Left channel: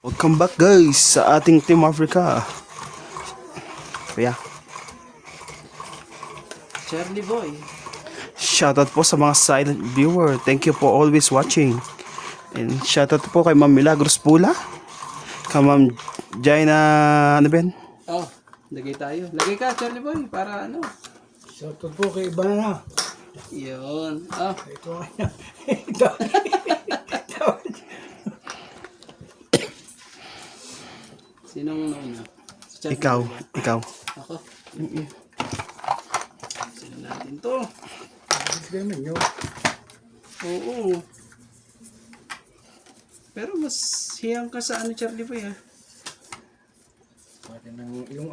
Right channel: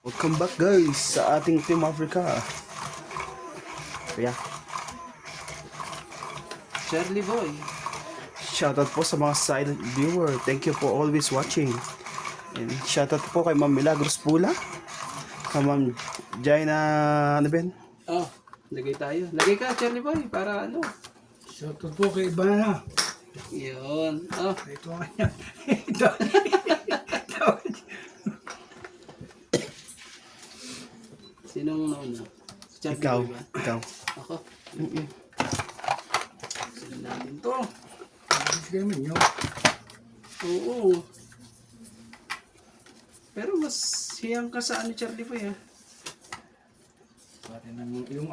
Welcome back guys sa ating Team Africa. Kaya, Charlie Boy. shoutout po sa mga silent viewer. Thank you for always watching. And shoutout po kay Ma'am Milagros Pula. Kay Ma'am Jaina, ano ba yan? Oh, lagay tayo. Lagay ka, Charlie Boy, para ano. Shoutout po kay Ibana. Yun. Oh, Ito nga. Ito. sinong nauna? Si Charlie Ikaw, Boy ba? ikaw. Ako. Sila natin to. Ganun nyo. Oo. Pero mas hiyang ka sa ano, Charlie Boy, ha? Pati ng yung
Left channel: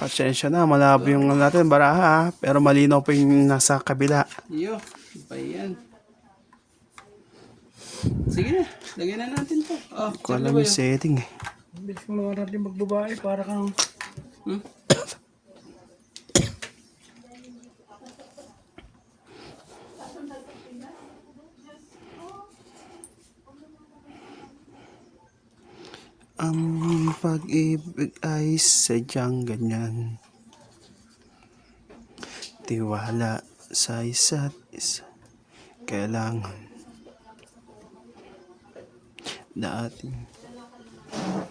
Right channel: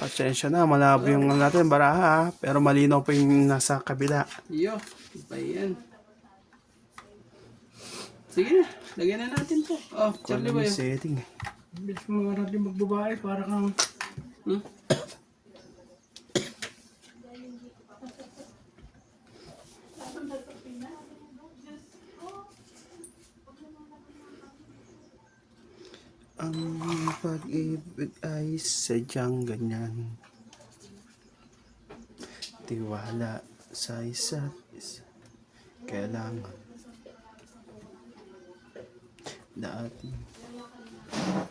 Pasensya na, malabo yung natin baraha. Pero malinaw pa yung nasa kabila. Iyo. Iba yan. Sige na. Lagyan na natin to. Oh, Kung Charlie alam Boy. yung setting eh. Ang bilis mo mga natin magbabae para kang Hmm? Ang pag-ibig ay sadyang ganyan. Tiwala sa isa't isa. Kailangan natin.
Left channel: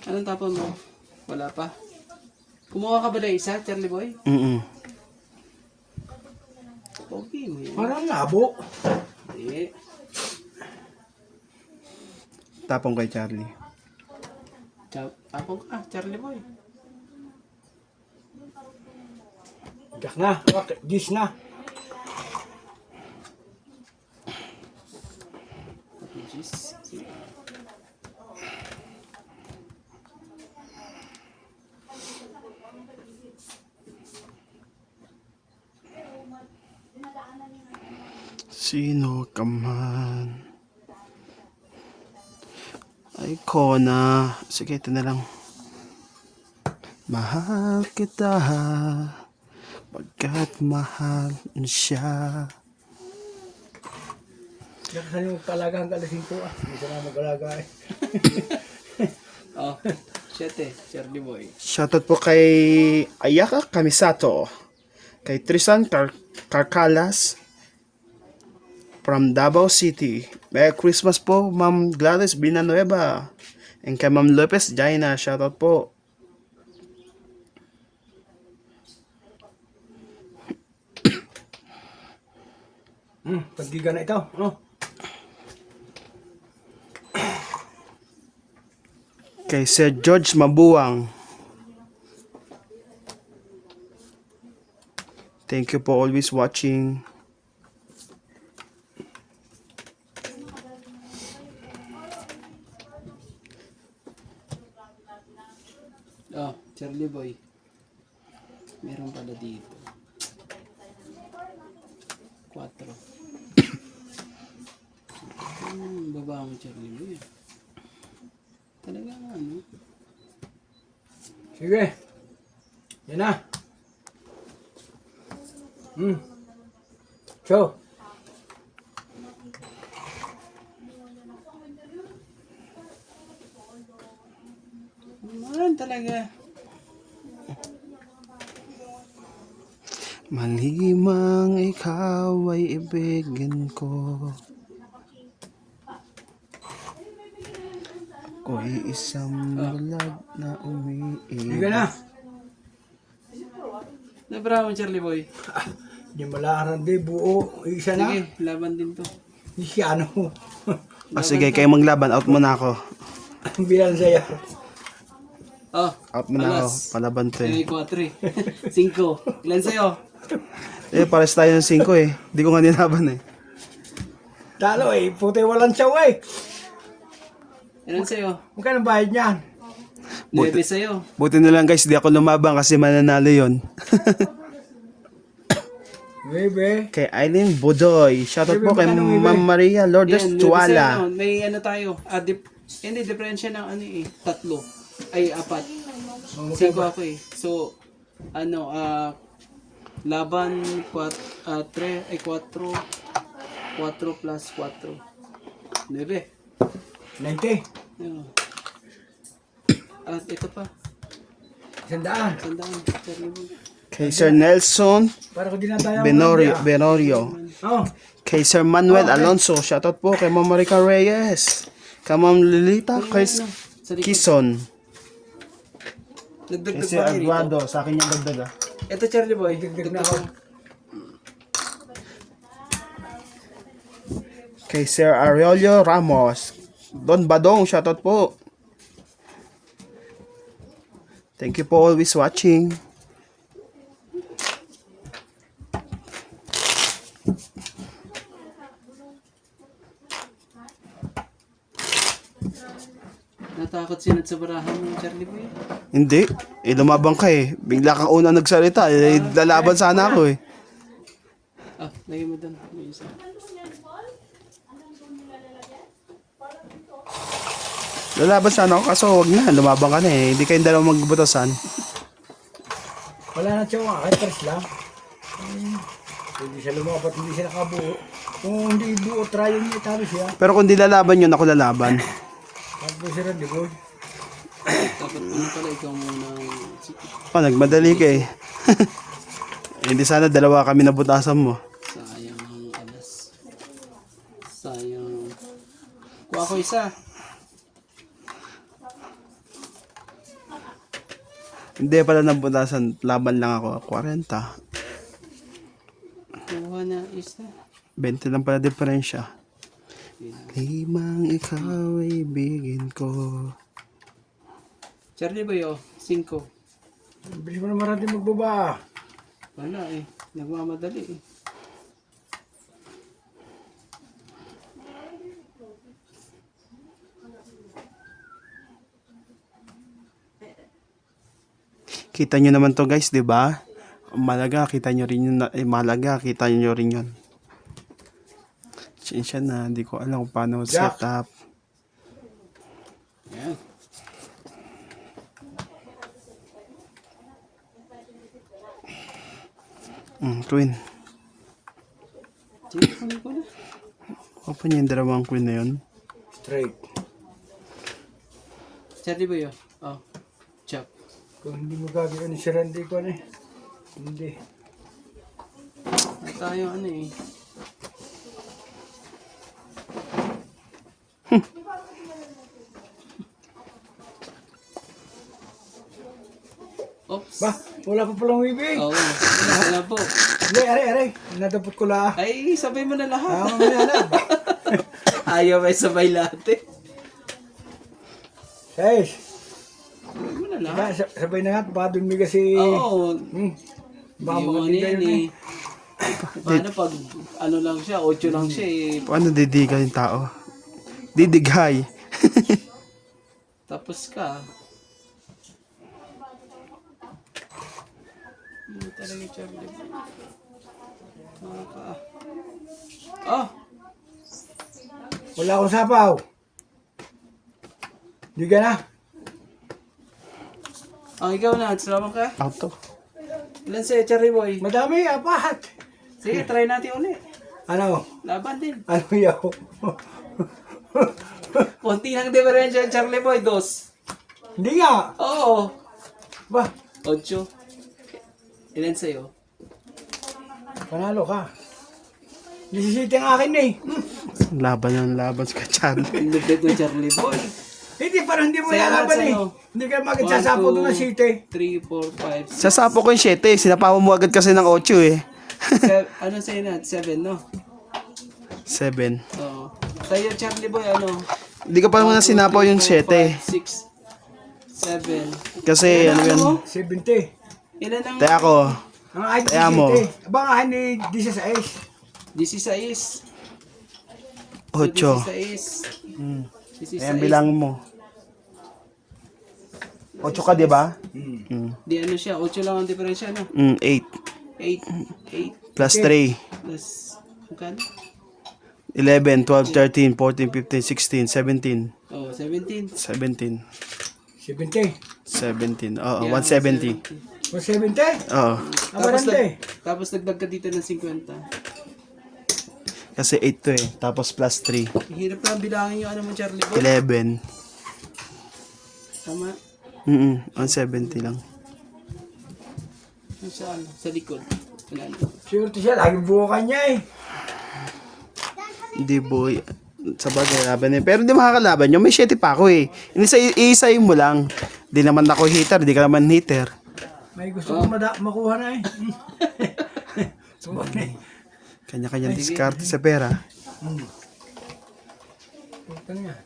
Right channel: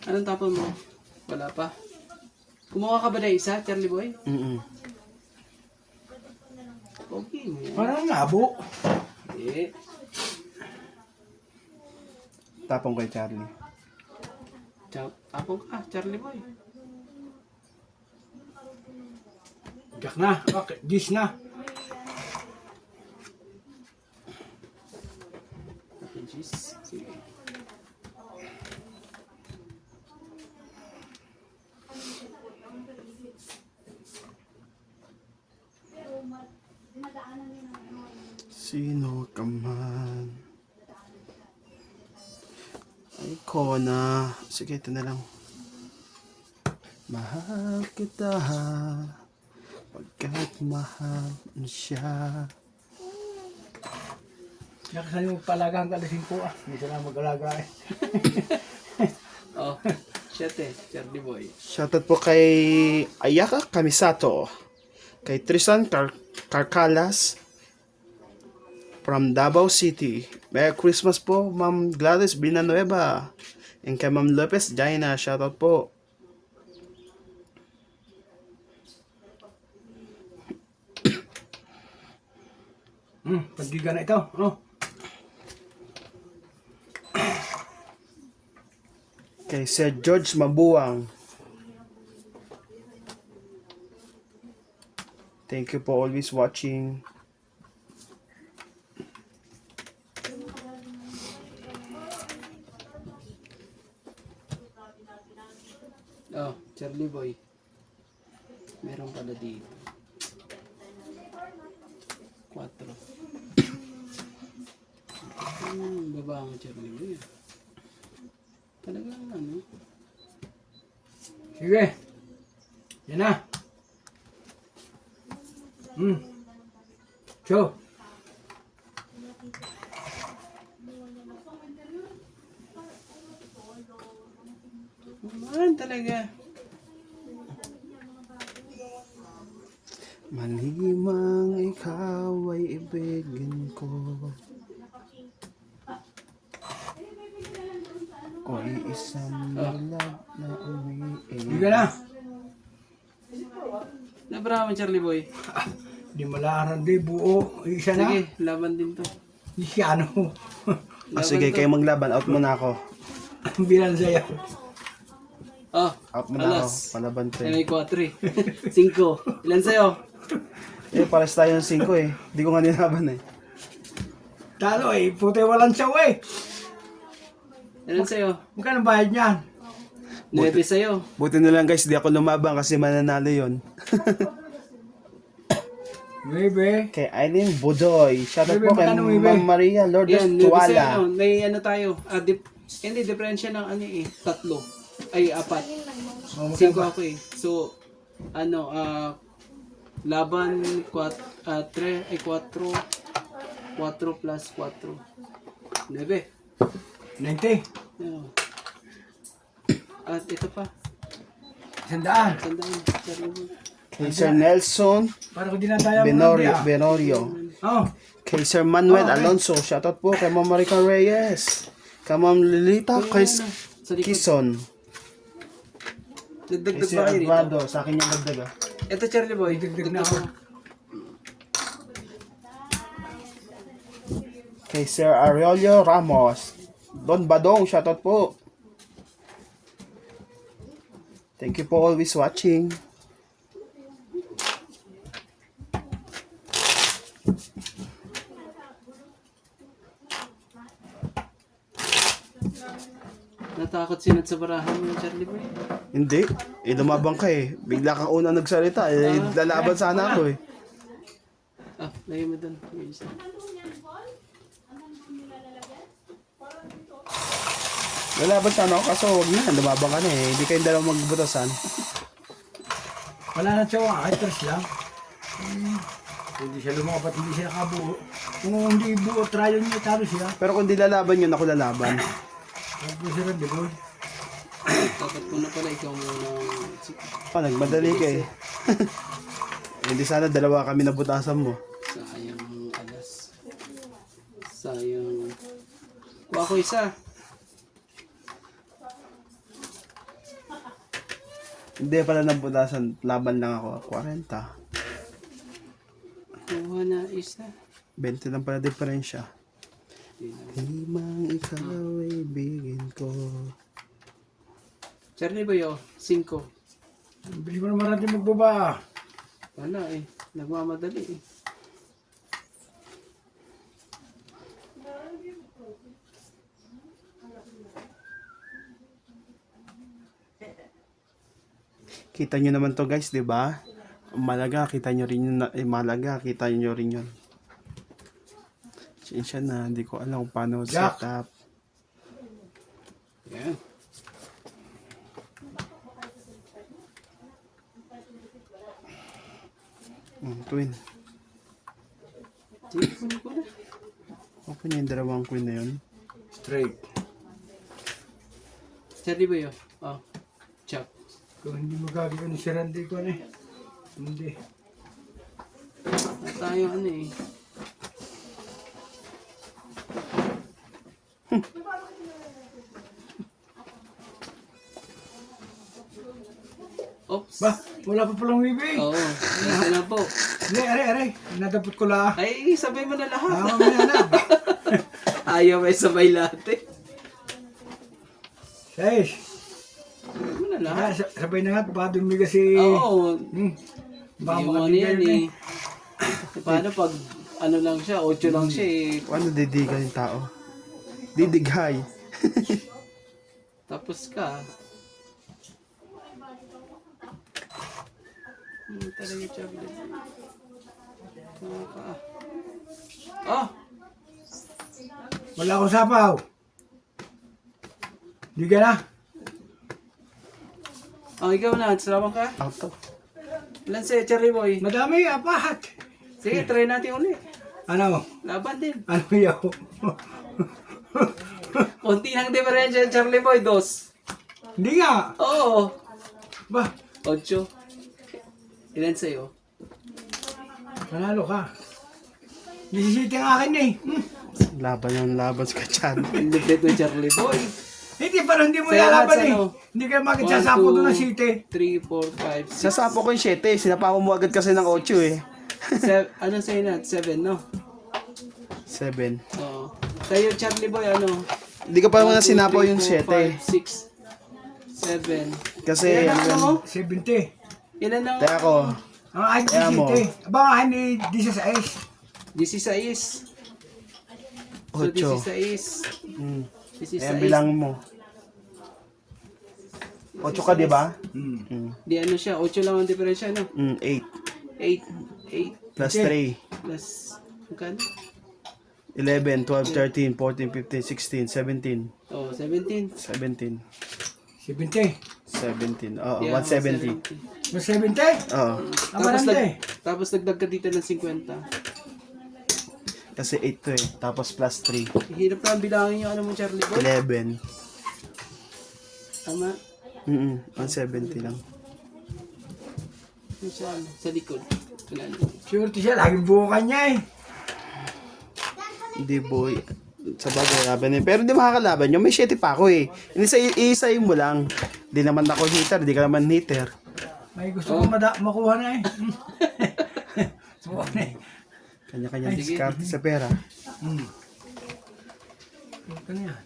Anong tapon mo? Wala pa. Kumuha ka ba na isa, Charlie Boy? Okay mo yan. parang labo. Eh. Tapong kay Charlie. Tapon ka, Charlie Boy. Jack na. Okay. Gis na. Okay, jeez. Sige. Sino ka man? Ay, Kona. Sige, ito na lang. Mahal kita pagkat mahal siya. Jack sa yung talagang kalasin ko Hindi ka na mag-alaga eh. Oh, shit eh, Charlie Boy. Shoutout po kay Ayaka Kamisato. Kay Tristan Carcalas from Davao City. Merry Christmas po, Ma'am Gladys Villanueva. And kay Ma'am Lopez Jaina, shoutout po. Pagdiga na ito. Ano? Kay Sir George Mabuang. Thank you for always watching. Oh, Charlie Boy. Meron pala dito. 4. Baba mo, Charlie Boy. Talaga ano? Sige. Yan na. So. Man talaga. Malimang ikaw ay ibigin ko. Ako'y isang bulag na Sige na. Nabra mo, Charlie Boy. Di malaran di buo. Isa na. Sige, laban din to. Isi ano. Sige, kayo maglaban. Out muna ako. Bilang sa'yo. Oh, Out muna ako. alas. Palaban to Ay, eh. 4. 5. Ilan sa'yo? Pares tayo ng 5 eh. Hindi ko nga ninaban eh. Talo eh. Puti walang saw eh. Ilan sa'yo? Magkano bayad niyan? 9 sa'yo. Buti na lang guys, di ako lumabang kasi mananalo yon. Bebe. Kay Eileen Budoy. Shoutout Bebe, po kay magkano, Bebe? Ma'am Maria Lourdes Yan, 9 Tuala. sa'yo. May ano tayo. Hindi, diferensya ng ano eh. 3. Ay, 4. 5 ako eh. So, ano, laban 4 plus 4. 9. 90. Oo. At ito pa. 100. Sandaan. Cherry Boy. Kay Sir Nelson Para ko dinadaya mo Benorio, lang, Benorio. Oh, Kay Sir Manuel Okay. Alonso. Shoutout po kay Ma'am Marica Reyes. Kay Ma'am Lilita. Kay Sa likod. Kison. Kay Nagdagdag Sir ba kayo dito? Eduardo. Sa akin yung dagdag ah. Ito, Cherry Boy. dagdag na ako. Kay Sir Aurelio Ramos. Don Badong. Shoutout po. Thank you for always watching. Natakot sinat sa barahan mo, Cherry Boy. Hindi. Lumabang ka eh. Bigla kang una nagsalita. Lalaban sana ako eh. Ah, lagay mo doon. May isa. Lalaban sana ako kaso wag na. Lumabang ka na eh. Hindi kayong dalawa magbutasan. Wala na tsawa, kahit press lang. Hindi siya lumapat, hindi siya nakabuo. Kung hindi buo, trial niya, tabi siya. Pero kung di lalaban yun, ako lalaban. Tapos siya di boy. Dapat ano pala ikaw muna. Oh, nagmadali ka eh. Hindi sana dalawa kami nabutasan mo. Sayang ang alas. Sayang. Kuha ko isa. Hindi pala nabutasan. Laban lang ako. 40. Kuha na isa. 20 lang pala diferensya. 5 ikaw ay bigin ko. Charlie Boy, oh. 5. Bilis mo naman natin magbaba. Wala eh. Nagmamadali eh. Kita nyo naman to guys, di ba? Malaga, kita nyo rin yun. Malaga, kita nyo rin yun. Siya na, hindi ko alam kung paano Jack. set up. Ayan. Queen. Sige, kunin ko na. Open yung dalawang queen na yun. Straight. Charlie Boy, oh. Oh. Chop. Kung hindi mo gagawin si Randy ko na eh. Hindi. Na tayo ano eh. Oops. Ba, wala pa palang wibig. Oo. Wala po. Hindi, aray. Nadapot ko lang. Ay, sabay mo na lahat. Mamaya na. Ayaw may sabay lahat eh. 6. Sabay mo na lahat. Sabay na nga, baka dumiga si... Oo. Baka Yung ano makabigay yan yun eh. Paano pag ano lang siya, 8 lang siya eh. Paano didigan yung tao? Didighay. Tapos ka. Talaga Charlie. Ah! Wala akong sapaw. Hindi ka na. Ang ikaw na, salamat ka. Auto. Ilan sa'yo, Cherry Boy? Madami, apat. Sige, try natin ulit. Ano? Laban din. Ano yaw? Konti ng diferensya, Charlie Boy. 2. Hindi nga. Oo. Ba, 8. Ilan sa'yo? panalo ka. Nisisiti ang akin eh. Laban yung laban sa kachan. Lupit ng Charlie Boy. Hindi, parang hindi mo Salamat lalaban sa eh. ano. Hindi ka makiksasapo doon ng city. 3, 4, 5, 6. Sasapo ko yung 7. Sinapama mo agad kasi ng 8 eh. Ano sa'yo na? 7, no? 7. Oo. Sa'yo, Charlie Boy, ano? Hindi ka pa naman sinapaw yung 7. 6, 7. Kasi ano yun. 70. Ilan ang... Kaya ako, Ang akin Kaya mo. 17. Abang akin ni 16. 16. 8. 16. Hmm. 16. Ayan bilang mo. 8 ka, di ba? Di ano siya, 8 lang ang diferensya, no? 8. 8 Plus Okay. 3. plus... Magkano? 11, 12, 13, 14, 15, 16, 17. Oh, 17. 17. 70. 17. Oo, Yeah, 170. 170? Oo. Ang barangay. Tapos nagdag ka dito ng 50. Kasi 8 to eh. Tapos plus 3. Hirap na bilangin yung ano mo, Charlie Boy. 11. Tama. 170 lang. Yung sa likod. Wala na. Sure siya, laging buukan niya eh. Hindi boy. Sa bagay laban eh. Pero hindi makakalaban yun. May 7 pa ako eh. Isa-isayin mo lang. Di naman ako hater. Di ka naman hater. May gusto ko makuha na eh. Subukan na eh. Kanya-kanyang diskarte sa pera. Ito na yan.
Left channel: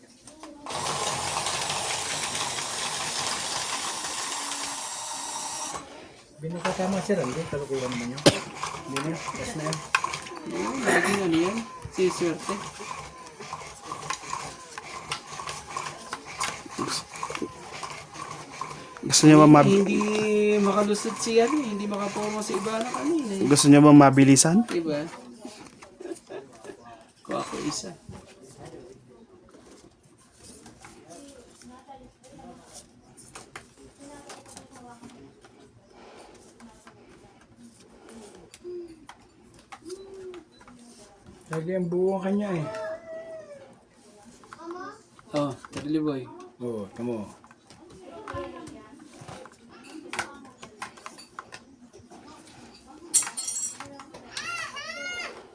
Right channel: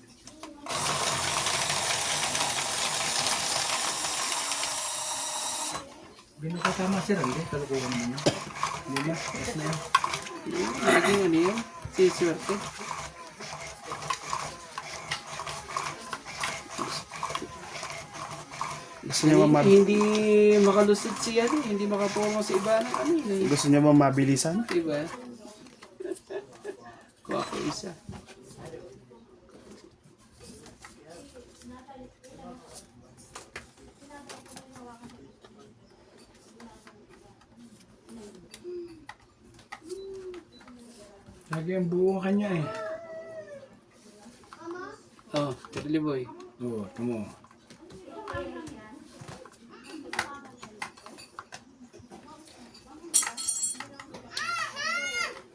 Binakatama si Randy, kalukuhan naman yun. Hindi na, yes na yan. Naging ano yan? Siswerte. Gusto niyo ba Hindi makalusid siya eh. Hindi makapomo sa iba ng kanina eh. gusto niyo ba mabilisan? Diba? Kuha ko isa. Lagi ang buo kanya eh. Oh, Charlie Boy. Oo, tamo.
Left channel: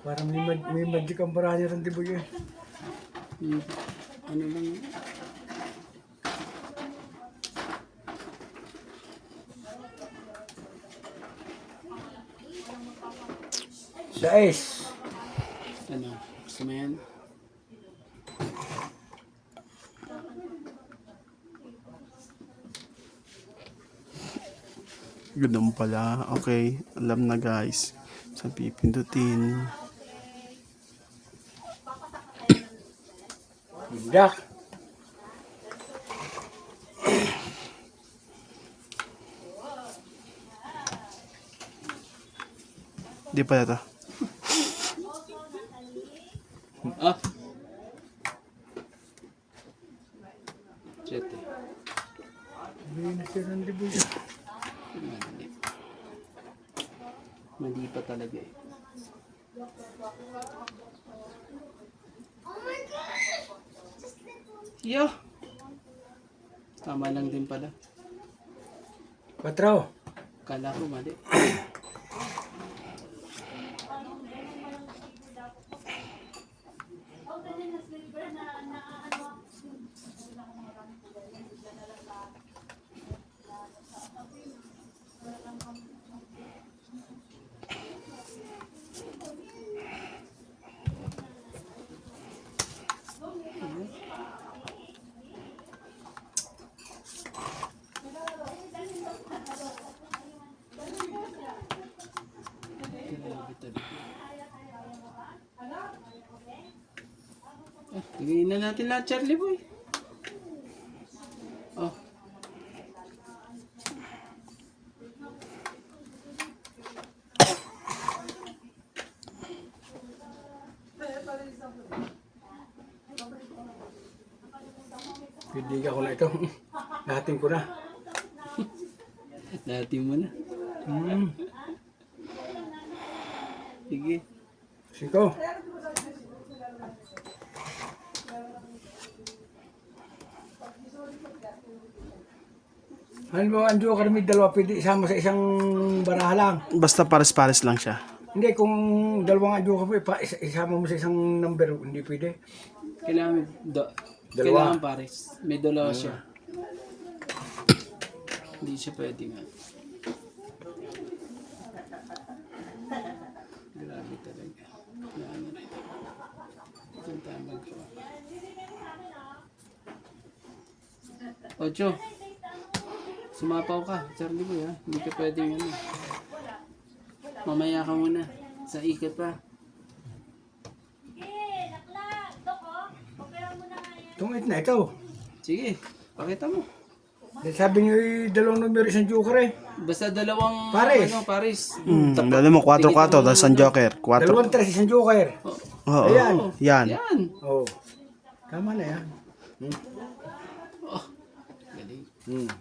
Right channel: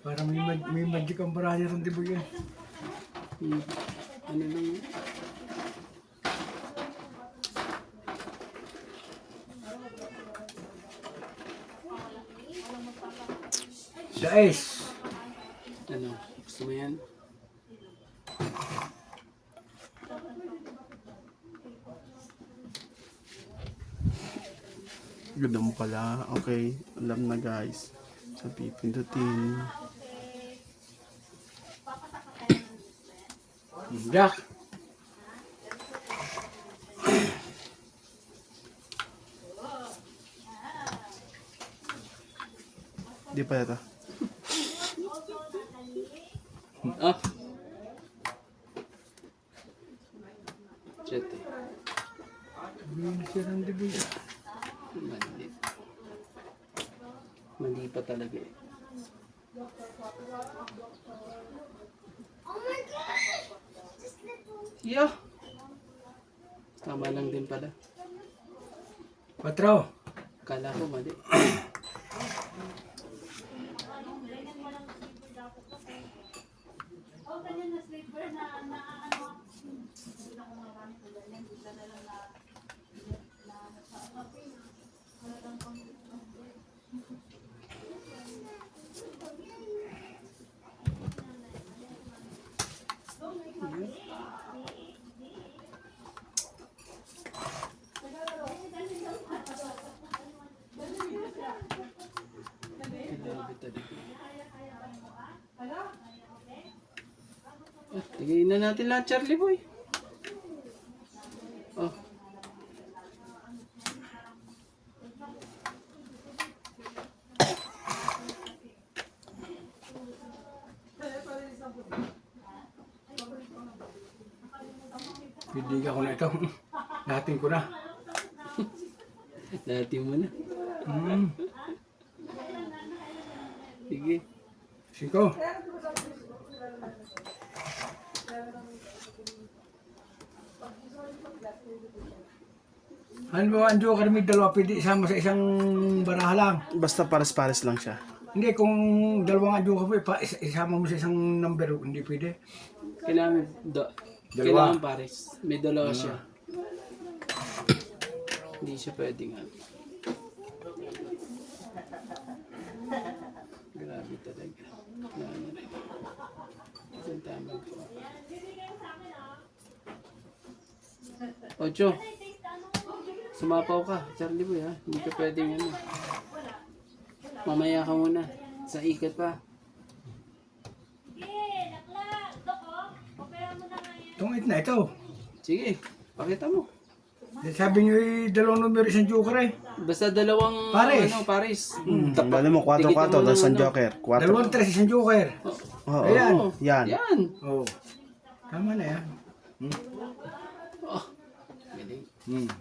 Parang may magic ang paranya rin, di ba yun? Ano lang yun? The Ace. Ano? Gusto mo yan? Ganun pala. Okay. Alam na guys. Sa pipindutin. Jack. Di pala to. Ah! Jet eh. Hindi na si Randy Boy. Mali. Mali pa talaga eh. Yo! Tama lang din pala. 4. Kala ko mali. Tingin na natin lahat, Charlie Boy. Oh. Pidiga ko na ito. Lahatin ko na. Natin mo na. Sige. 5. Ano ba, ang joker may dalawa pwede isama sa isang baraha lang. Basta pares-pares lang siya. Hindi, kung dalawang joker po, isama mo sa isang number, hindi pwede. Kailangan Dalawa. kailangan pares. May dalawa siya. Hindi siya pwede nga. Grabe talaga. Ano rin. Ang tama ko. Ocho. Sumapaw ka, Charlie Boy ha. Hindi ka pwedeng ano. Mamaya ka muna. Sa ikat pa. Tungit na ito. Sige, pakita mo. Sabi niyo dalawang numero isang joker eh. Basta dalawang Pares. ano, pares. Dali mo, 4-4. Tapos ang joker. 4. Dalawang 3 isang joker. Oo. Ayan. Yan. Yan. Oo. Tama na yan. Galing.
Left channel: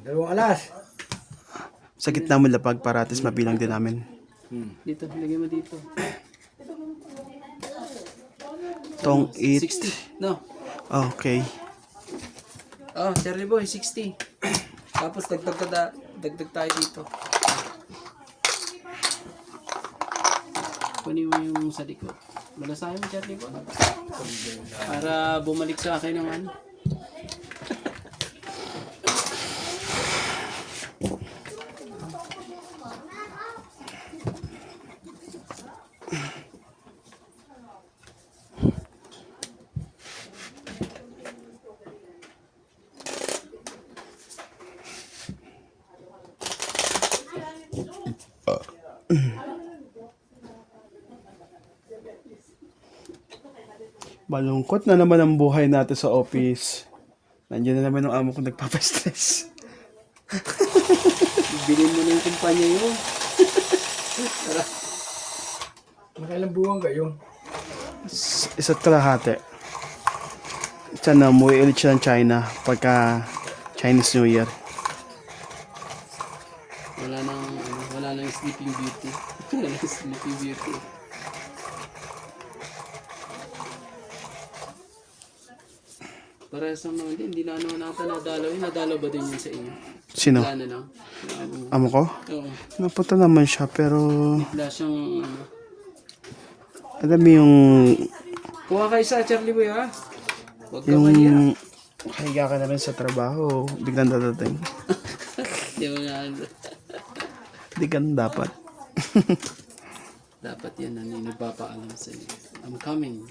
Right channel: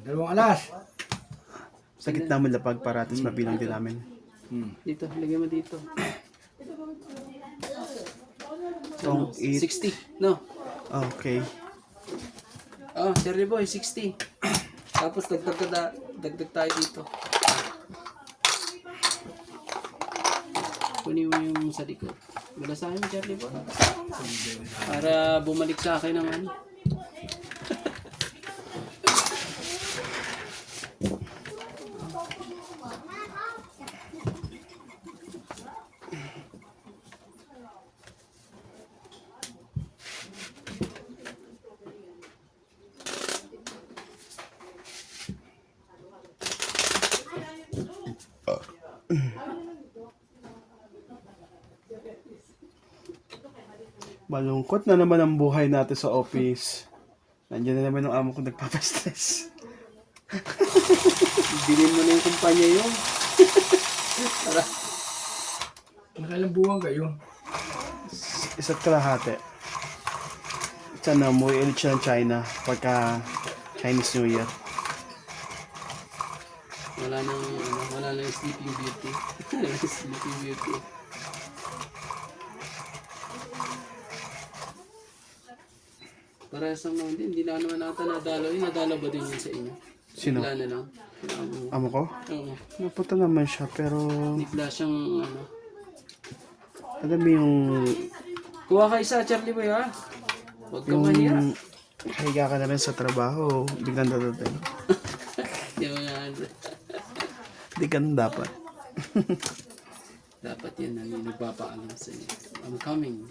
Dalawang alas. Sa gitna mo lapag para at least mabilang din namin. Dito, lagyan mo dito. Tong Ano, eat. 60. No. Okay. Oh, Charlie Boy, 60. Tapos dagdag tayo dito. Kunin mo yung sa likod. Malasahin mo, Charlie Boy. Para bumalik sa akin ng ano. Malungkot na naman ang buhay natin sa office. Nandiyan na naman yung amo ko nagpapastress. Bilhin mo na yung kumpanya yun. Magkailang buwan kayo. Isa't kalahati. Sana umuwi ulit siya ng China pagka Chinese New Year. Wala nang Sleeping Beauty. Wala nang Sleeping Beauty. Parehas naman din, hindi na naman ata nadalo. Nadalo ba din yun sa inyo? Sino? Wala na lang. Amo ko? Oo. Napunta naman siya pero Wala siyang ano. alam mo yung Kuha kayo sa Charlie Boy ha. Huwag ka mahiya. higa ka na rin sa trabaho, biglang dadating. Hindi mo nga ano. Hindi ganun dapat. Dapat yan ang nagpapaalam sa inyo. I'm coming.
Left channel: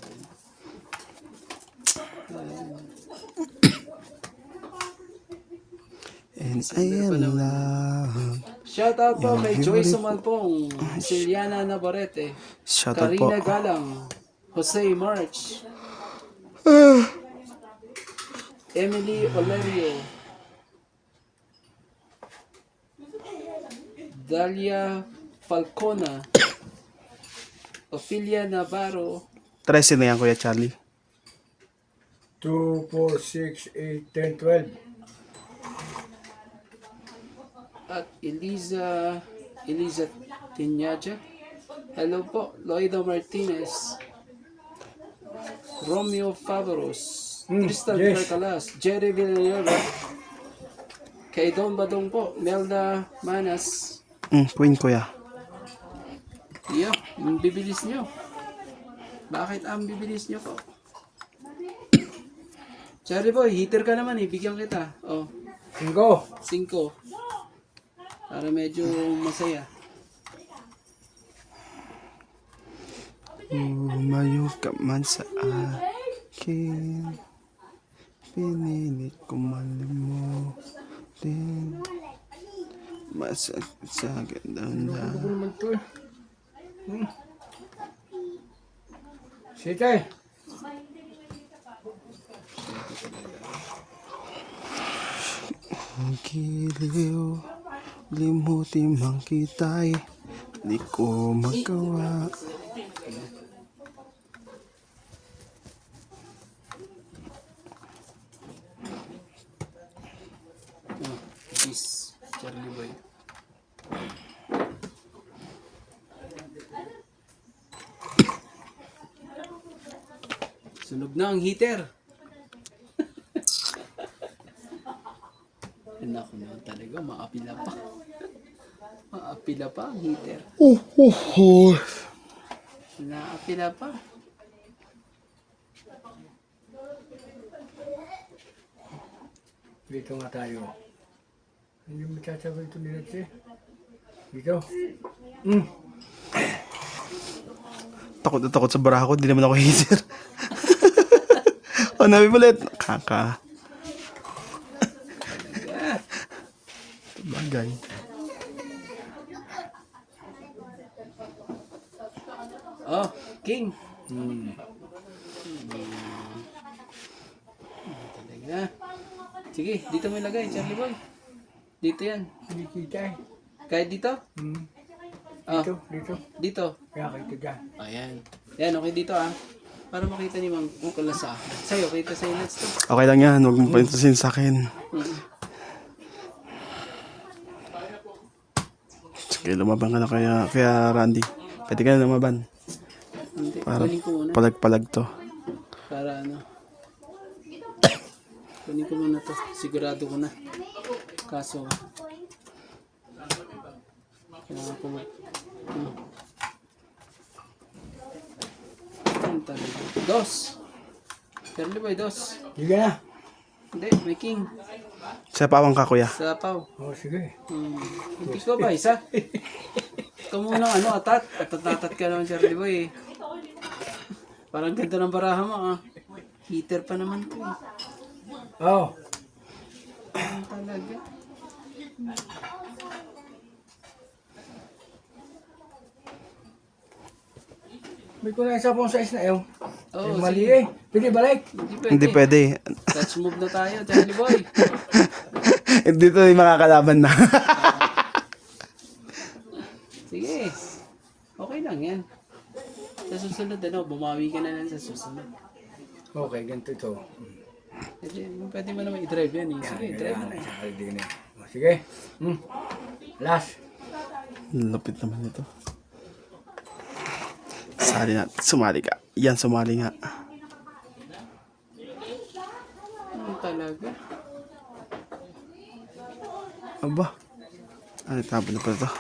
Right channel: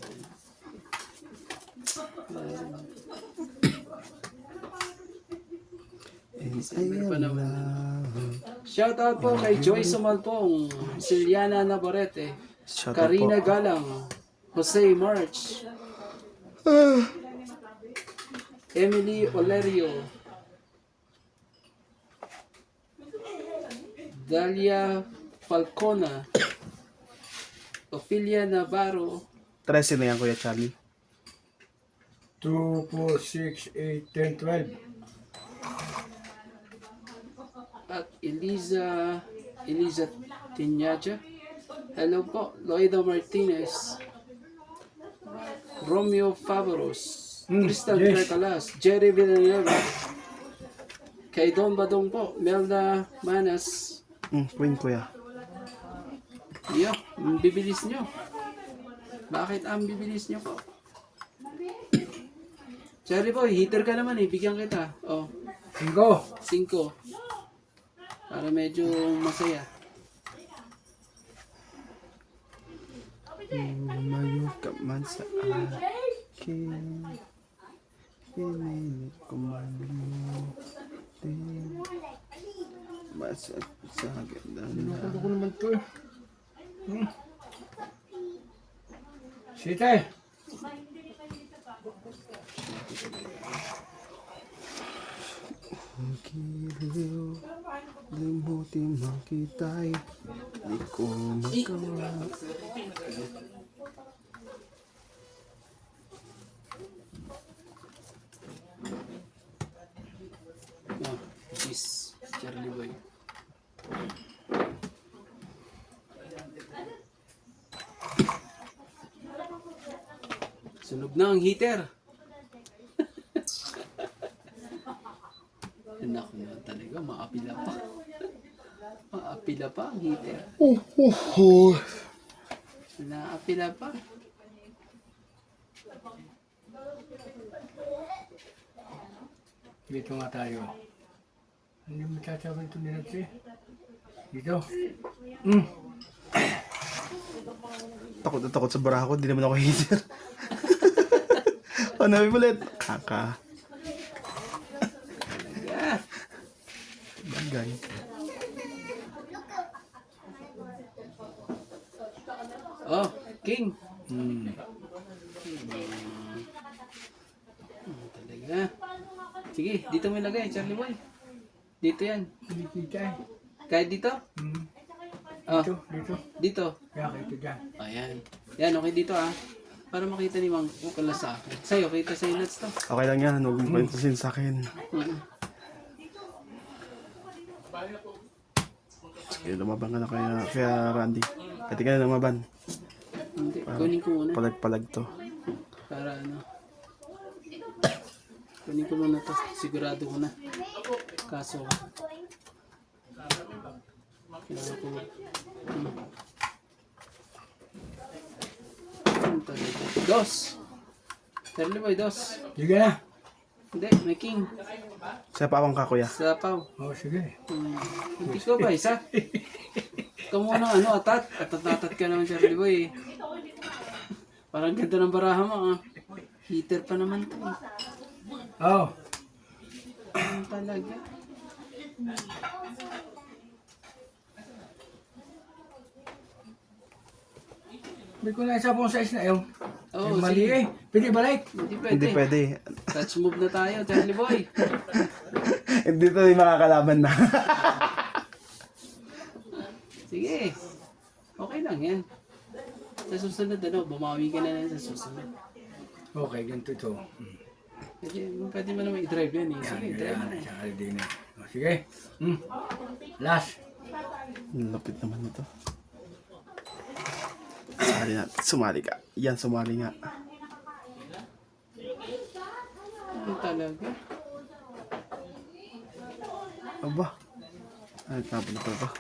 And I am love. Shout out po kay Joy Sumalpong, Siliana Navarrete, Shout out po. Karina Galang, Jose March, Emily Olerio, Dalia Falcona, Ophelia Navarro, 13 na yan, Kuya Charlie. 2, 4, 6, 8, 10, 12. at Eliza Tinyaja. Hello po, Loida Martinez, Romeo Favaros, Tristan yes. Percalas, Jerry Villanueva, kay Don Badong po, Melda Manas. Queen, Kuya. Iyo, ang bibilis nyo. Bakit ang bibilis nyo po? Charlie Boy, hitter ka naman eh, bigyan kita. Oh, 5. 5. Para medyo masaya. Umayo ka man sa akin, pinilit ko malimutin, masakit sa ganda na. Ano ko naman to eh. Sitay. Ang giliw, limutin man kita'y di ko magawa. Oh, peace, Charlie Boy. Sunog na ang heater. Anak mo talaga, maapila pa. Maapila pa ang heater. Naapila pa. Dito nga tayo. Hindi mo tsatsawan ito nila siya. Dito. Takot na takot sa baraha ko, di naman ako heater. O, nabi ulit. Kaka. Bagay. Oh, King. Talaga. Sige, dito mo ilagay, Charlie Boy. Dito yan. Hindi kita eh. Kahit dito? Ah, Dito. dito. Kaya kayo dyan. Ayan. Yan, okay dito ah. Para makita ni Mang Ukol sa akin. Sa'yo, kita sa'yo nuts to. Okay lang yan, huwag mo palintasin sa akin. Sige, lumaban ka na kaya Randy. Pwede ka na lumaban. Hindi, Para kunin ko muna. palag-palag to. Para ano. Kunin ko muna to. Sigurado ko na. Kaso. Kailangan ko. Ano talaga? Dos. Charlie Boy, dos. Sige na. Hindi, may king. Sa pawang ka, kuya. Sapaw. Oh, sige. Hindi ko ba isa? Ito muna ano, atat. Atat ka naman, Charlie Boy. Parang ganda ng baraha mo, ah. Heater pa naman to, eh. Oh. Ano talaga? May ko na isa pong size na yun. Oo, Mali sige. eh. Pwede balik. Hindi pwede. Touch move na tayo, Charlie Boy. Hindi to yung makakalaban na. Sige. Okay lang yan. Sa susunod, ano, bumawi ka na lang sa susunod. Okay, ganito ito. Pwede mo naman i-drive yan, eh. Sige, drive mo. Oh, sige. Last. Lupit naman ito. Sumali ka. Yan, sumali nga. Ano talaga? Aba. Ay, tabo na pala ito.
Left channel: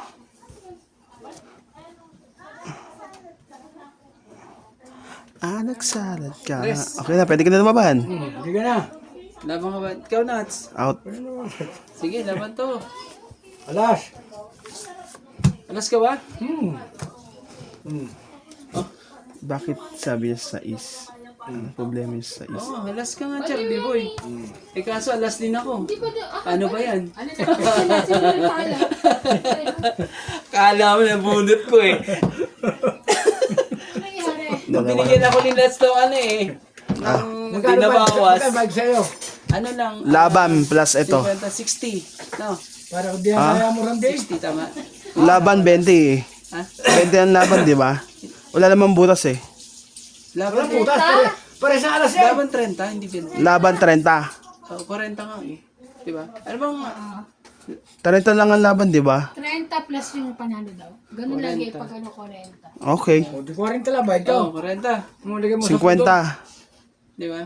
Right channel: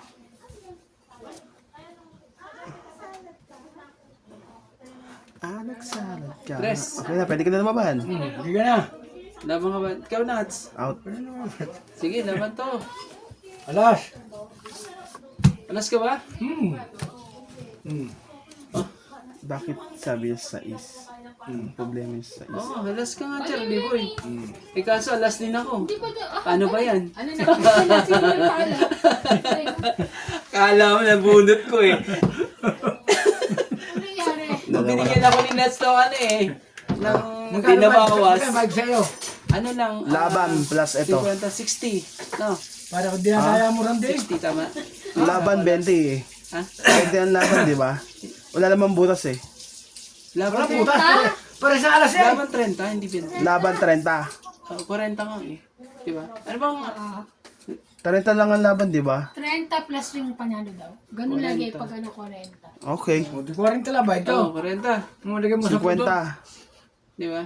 Nagsalad ka. Press. Okay na, pwede ka na lumaban. Sige na. Laban ka ba? Ikaw, Nats. Out. Sige, laban to. Alas. Alas ka ba? Bakit sabi niya sa is? Ang problema niya sa is. Oo, alas ka nga, Charlie Boy. Eh, kaso alas din ako. Paano ba yan? Ano na? Sino yung pala? Kala mo, nabunot ko eh. Ano nangyari? Binigyan ako ni Nats to, ano eh. Nang Magkano binabawas. bag sa'yo? Ano lang? Laban plus ito. 50, 60. No, Para kung di na kaya mo rin din. 60 tama. Laban 20 eh. Ha? 20 ang laban, di ba? Wala namang butas eh. Wala Laban putas. Pare sa alas yan. Laban 30, hindi 20. Laban 30. Oh, 40 nga eh. Diba? Ano bang... 30 lang ang laban, di ba? 30 plus yung panalo daw. Ganun lagi pag ano 40. Okay. O, di 40 lang ba ito? Oh, 40. Mulagay mo sa 50. Diba?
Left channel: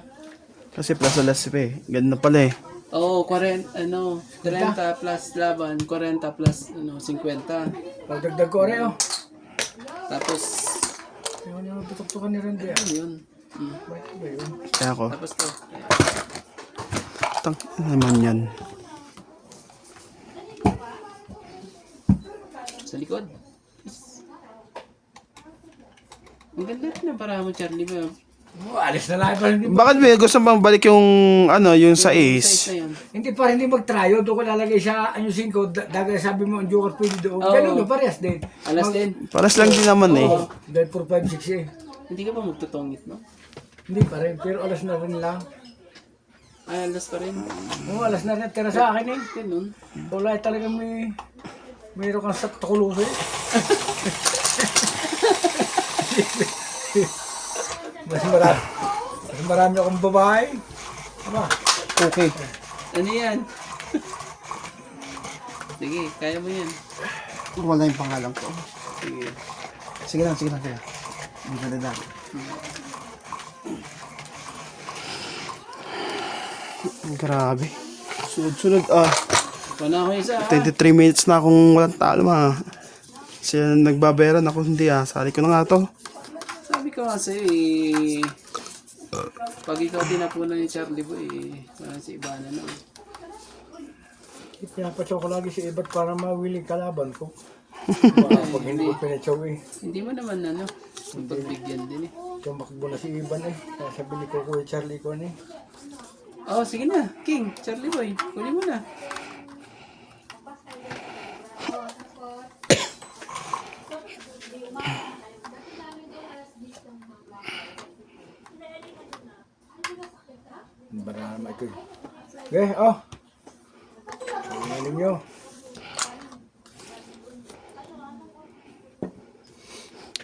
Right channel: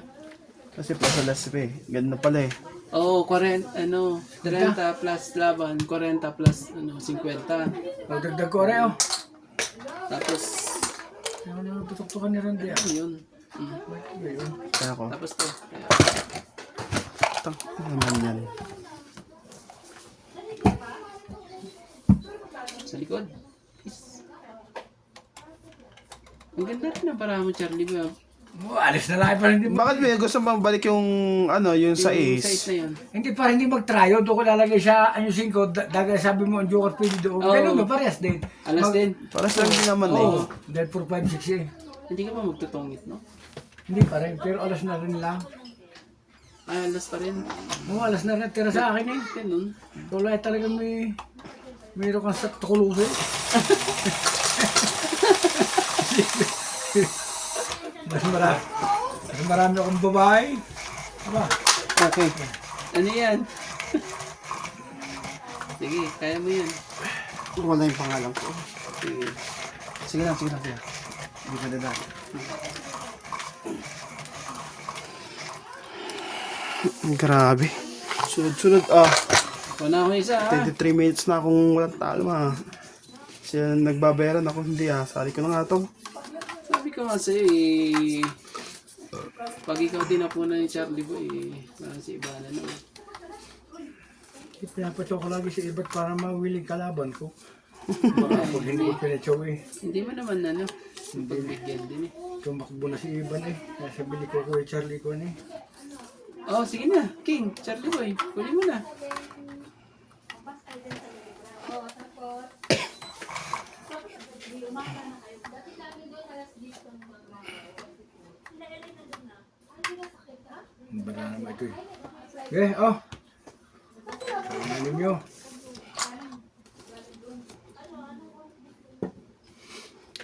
Kasi plus alas pa eh. Ganun na pala eh. Oo, 40, ano, 30 plus laban, 40 plus, ano, 50. Pagdagdag ko rin, oh. Tapos, Ayaw na putok-tukan ni Randy, ah. yun. Bakit ba yun? Kaya ako. Tapos to. Tang naman yan. Sa likod. Ang ganda rin na para mo, Charlie, ba? Oh, alis na lang pa hindi. Bakit ba gusto bang balik yung ano, yung sa Size is? na yun. Hindi pa hindi mag-tryo. Doon ko lalagay siya, ano 5, dagay sabi mo, ang joker pwede doon. Oo. Ganun ba, parehas din. Alas din. Paras lang din naman eh. Oo. Dahil 4, 5, 6 eh. Hindi ka ba magtutungit, no? Hindi pa rin, pero alas na rin lang. Ay, alas pa rin. Oo, alas na rin. Tira sa akin eh. Ganun. Wala talaga mayroon kang sa tukuluso eh. Mas marami akong babae. Aba, Okay. Ano yan? Sige, kaya mo yan. Wala yung pangalan ko. Sige. Sige lang, sige lang. Hindi ko dadaan. Grabe. Sunod-sunod. Wala ako isa. 23 minutes na akong walang talo ha. Sila nagbabayaran ako hindi Sali ko na nga to. Sabi ko kasi, eh, pag ikaw tinapunan ni Charlie Boy, si Ivana na. pinapatsaw ko lagi si Ibat para mawiling kalaban ko. Baka pag hindi ko pinatsaw eh. Hindi mo naman ano, pagbigyan din eh. Tumakbo na si Iban eh. Kaya sabili ko Kuya Charlie ko eh. Oh, sige na, King, Charlie Boy, kunin mo na. Bara naman ito eh. Okay, oh. Tingnan niyo.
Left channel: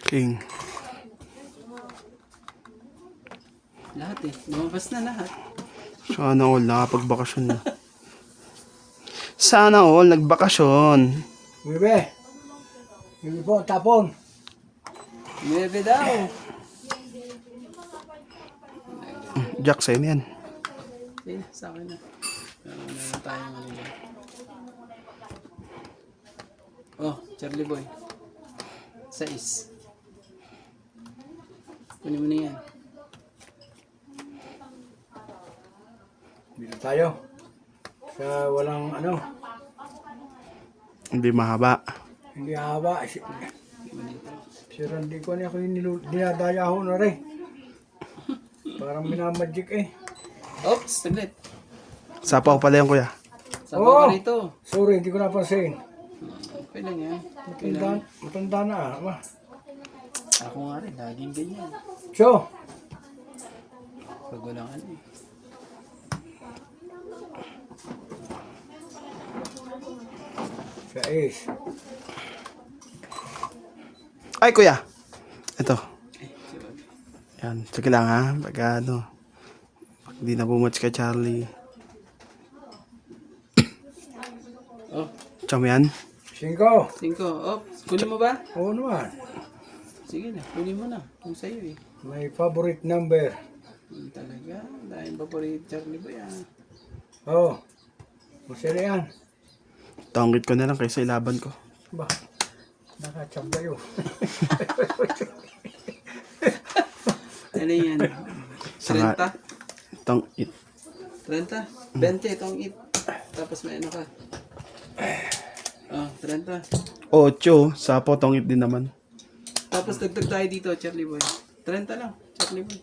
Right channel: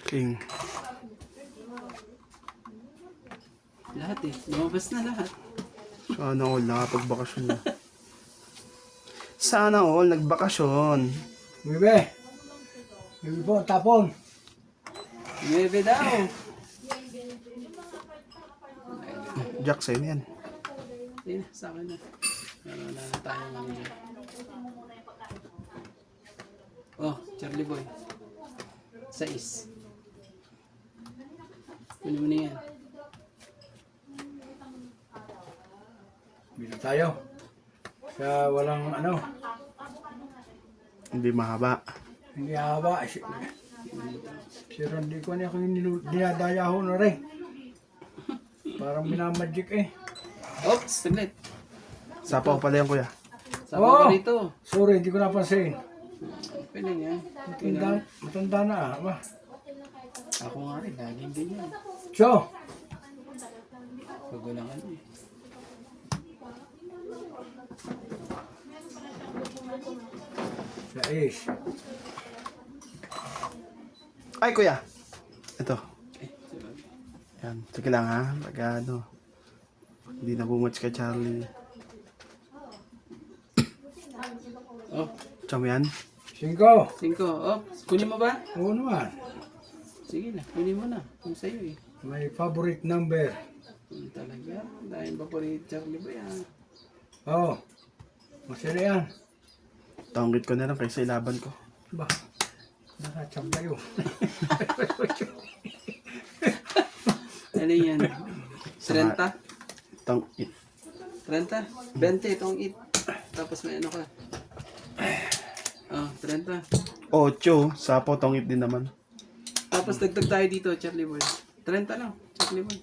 King. Lahat eh, lumabas na lahat. Sana all nakapagbakasyon na. Sana all nagbakasyon. Bebe. Bebe po, tapon. 9 daw. Jack, sa'yo na yan. Sige, sa akin na. Meron tayong ano yan. Oh, Charlie Boy. 6. Kunin mo na yan. Dito tayo. Sa walang ano, Hindi mahaba. hindi haba. Si Randy ko niya ako yung dinadayaho na rin. Parang minamagic eh. Oops, saglit. Sapaw pala yan, kuya. Sabaw ka rito. Sorry, hindi ko napansin. Okay lang yan. Matanda na ah. Aba. Ako nga rin, laging ganyan. So, Pag walang ano eh. sa is. Ay, kuya. Ito. Eh, sabag. Yan. Sige lang ha. Pag ano. Pag di na bumats ka, Charlie. Oh, Tsaka mo yan. 5. 5. Oh, kunin mo ba? Oo naman. Sige na, kunin mo na. Kung sa'yo eh. May favorite number. Talaga. Dahil ba po rin Charlie Boy ah. Oo. Masaya yan. Tanggit ko na lang kaysa ilaban ko. Ba, nakachamba yun. Ano yan? 30? Tong it. 30? 20 itong it. Tapos may ano ka. Oh, 30. 8. Sapaw, tong it din naman. Tapos dagdag tayo dito, Charlie Boy. 30 lang, Charlie Boy.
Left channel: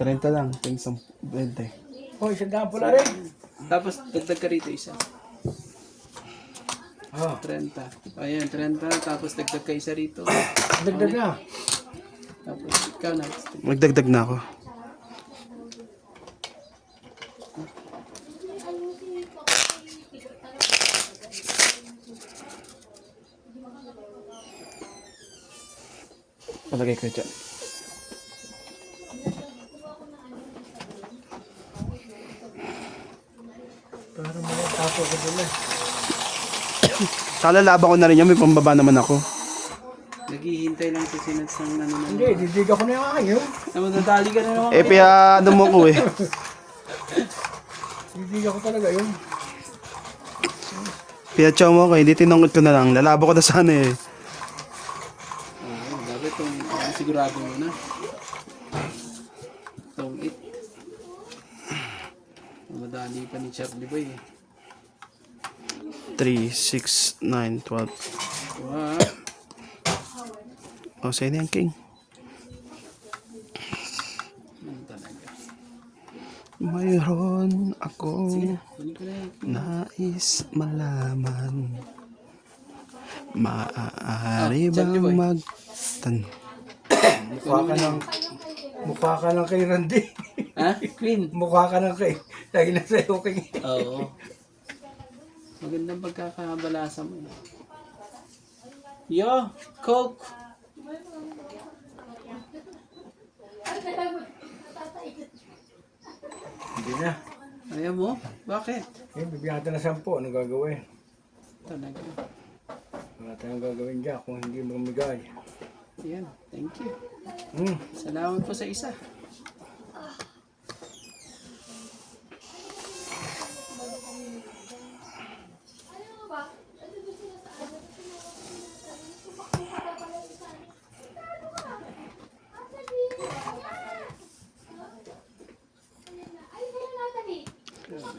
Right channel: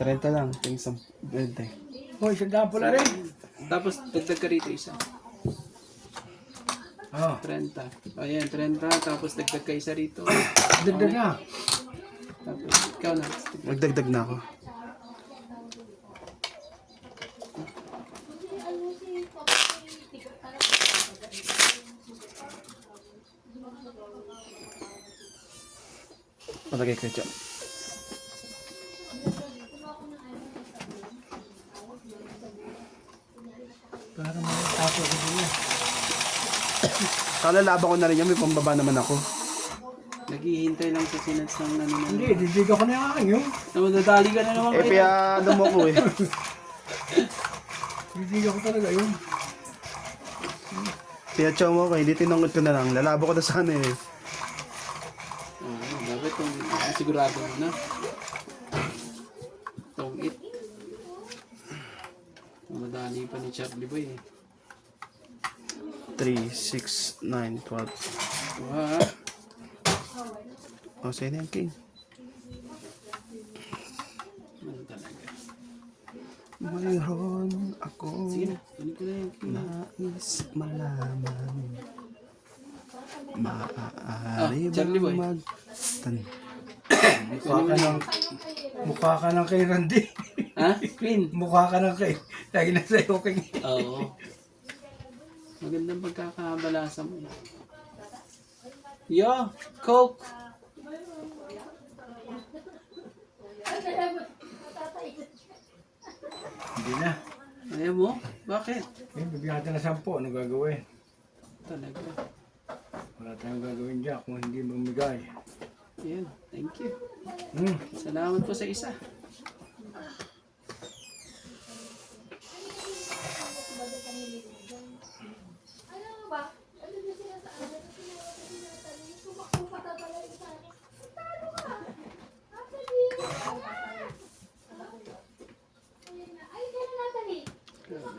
30 lang. Ting 20. Hoy, isang daan pala rin. Tapos dagdag ka rito isa. Oo. 30. Ayan, 30. Tapos dagdag ka isa rito. Dagdag na. Tapos ikaw na. Magdagdag na ako. Palagay ko dyan. Para makatapo ko doon eh. Sana laban ko na rin yan. May pambaba naman ako. Naghihintay lang sa sinads ng ano na. Hindi, didig ako na yung aking yun. Namadadali ka na naman. Pia ano mo ko eh. Didig ako talaga yun. Pia chow mo ko. Hindi tinungkot ko na lang. Lalabo ko na sana eh. Oo, bakit kung sigurado mo na? Itong it. Madali pa ni Charlie Boy eh. 3, 6, 9, 12. Wow. O, sa'yo na yan, King. Ano talaga? Mayroon ako Sige na, kunin ko na yan. nais malaman. Maaari Charlie Boy. bang Mukha ka ng kay Randy. Ha? Clean? Mukha ka ng kay. Lagi na sa'yo king. Oo. Magandang pagkakabalasa mo. Yo, Coke! Hindi na. Ayaw mo? Bakit? Eh, bibigyan natin na 10. Ano gagawin? Talaga. Wala tayong gagawin dyan kung hindi mamigay. Yan, thank you. Hmm. Salamat po sa isa.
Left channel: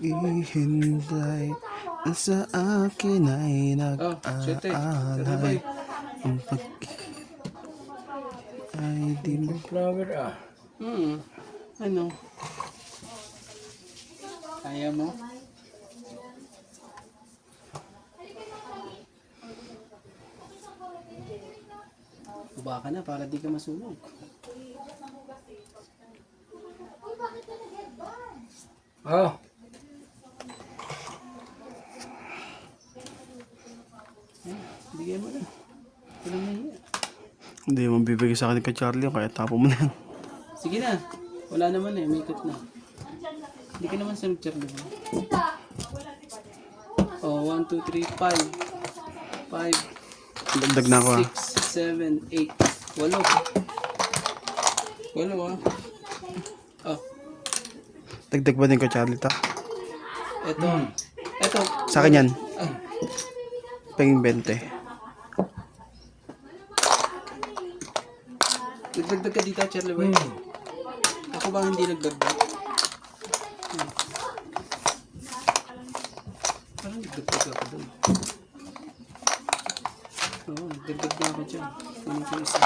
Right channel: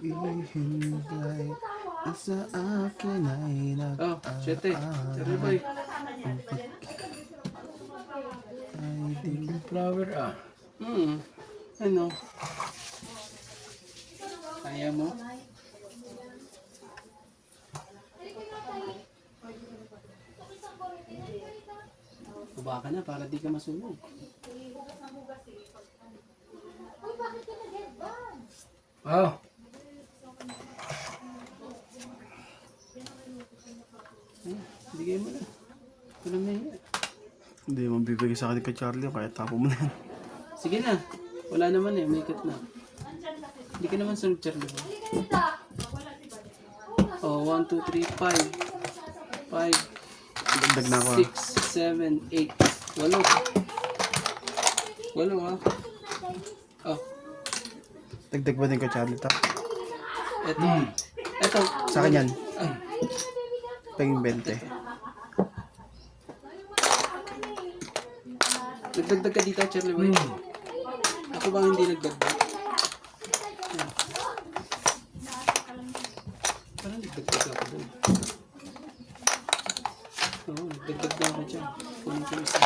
ihintay sa akin ay Oh, siyete. Charlie Boy. ay di mo Flower ah. Ano? Ayaw mo? Baba ka na para di ka masunog. Oh. Bigay mo na. Walang nahiya. hindi mo bibigay sa akin kay Charlie kaya tapo mo na yan. Sige na. Wala naman eh. May ikot na. Hindi ka naman sunod, Charlie. Oh, 1, 2, 3, 5. 5, Dagdag na ako 6, 7, 8. 8. 8 ah. Oh. Dagdag ba din ko, Charlie, to? Ito. Ito. Sa akin yan. Penging 20. Nagdagdag ka dito, Charlie Boy. Ako bang hindi nagdagdag? Parang nagdagdag ako doon. Oo, nagdagdag na ako dyan. Kunin ko isa.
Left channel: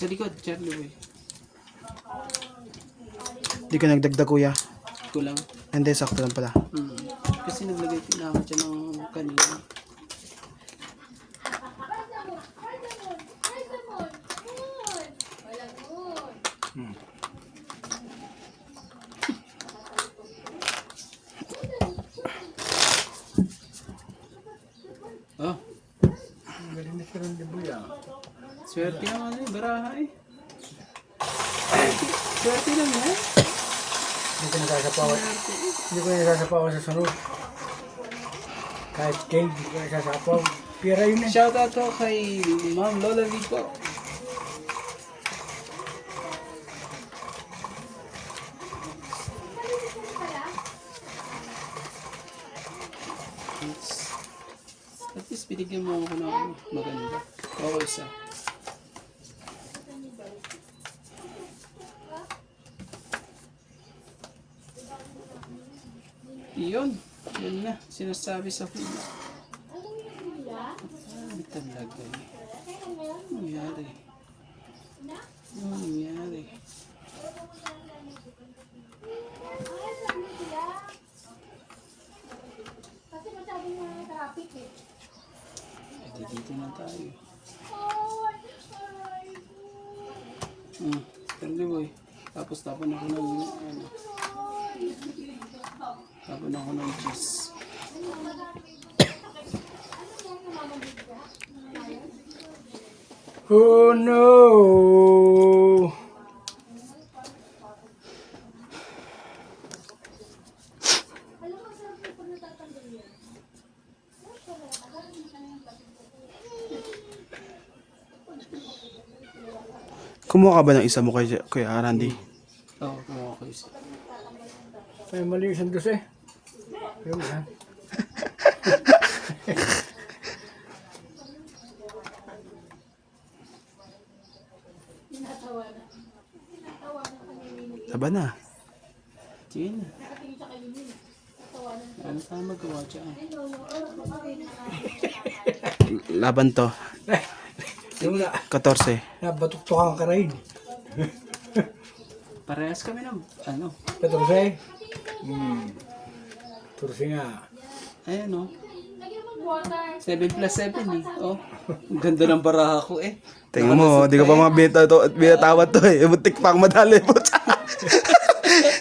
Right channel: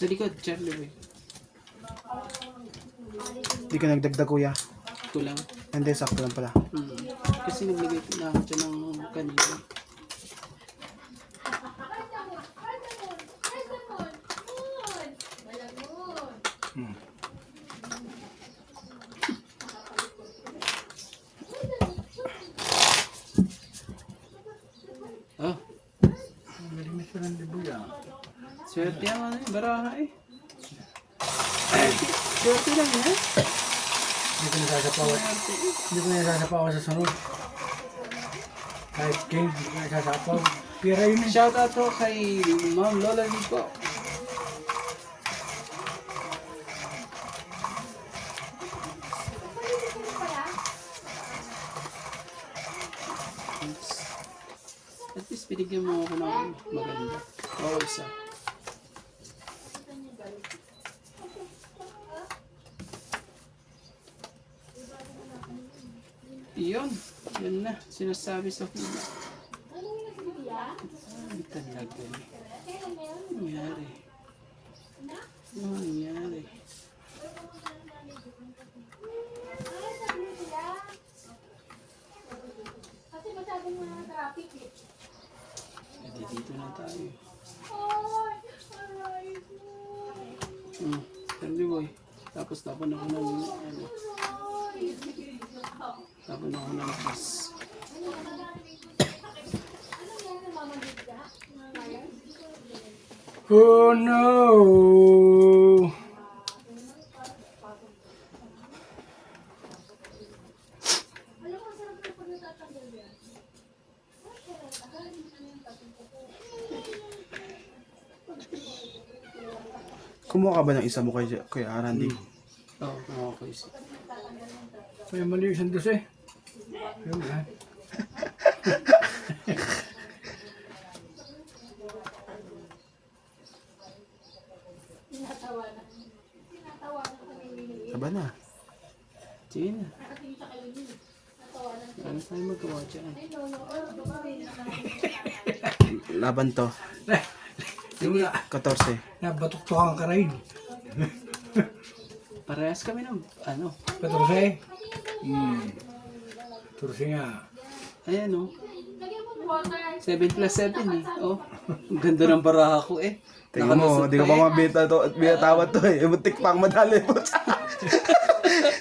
Sa likod, Charlie Boy. Hindi ka nagdagdag, kuya. Kulang. Hindi, sakto lang pala. Kasi naglagay na ako dyan ng kanina. Oh, Galing na si Randy Boy ah. swerte ang ano eh, baraha eh. Swerte lang eh. Hindi ko nasasapawan. Hindi ko nasasapawan sa sunod. Kahit king, hindi ko nasasapaw. Pira yun eh. Shout out to kay Ma'am Lola Vico. At least binigyan mo ako ng maganda. Oo, isa. Yun. Yun na. Sinasabi sa film. Ay, talaga eh. Ano nangyari? Ano nangyari? Edi dito na tayo. Friendly boy. Tapos tapon ako ng ano. Tapon ako ng cheese. Oh no! Kumuha ka ba ng isa mo kay Randy? Oo, kumawa ko isa. May mali yung dos eh. Ayun na. Saba na. Sige na. Ano tayo magawa dyan? Laban to. Yung na, 14. nabatuktukan ka rin. Parehas kami ng ano. Petrose? Turse nga. Ayan o. 7 plus 7 eh. Oh. Ang ganda ng baraha ko eh. Tingnan mo, di ka pa mga binatawad to eh. Muntik pang madali po.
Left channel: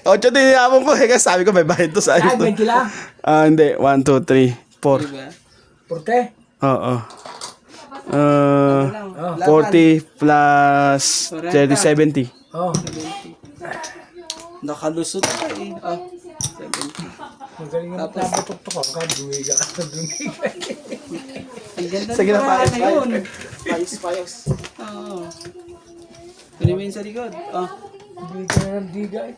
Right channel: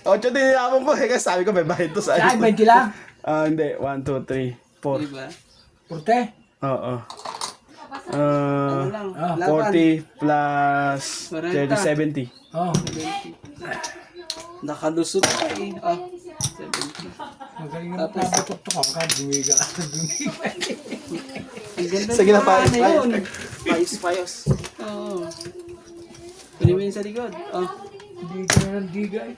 8 din yapon ko eh. Kasi sabi ko may bayad to sa Ay, 20 lang. Hindi. 1, 2, 3, 4. Diba? Porte? Oo. Ano lang. 40 plus 30, 70. Oh, Nakalusot ka eh. Oh. 70. magaling naman nabatuktukan ka. Dumiga ka sa dumiga. Ang ganda Sige na, ng baraha yun. Payos. Oo. Kunin mo yun sa likod. Oh. Diga na ng diga eh.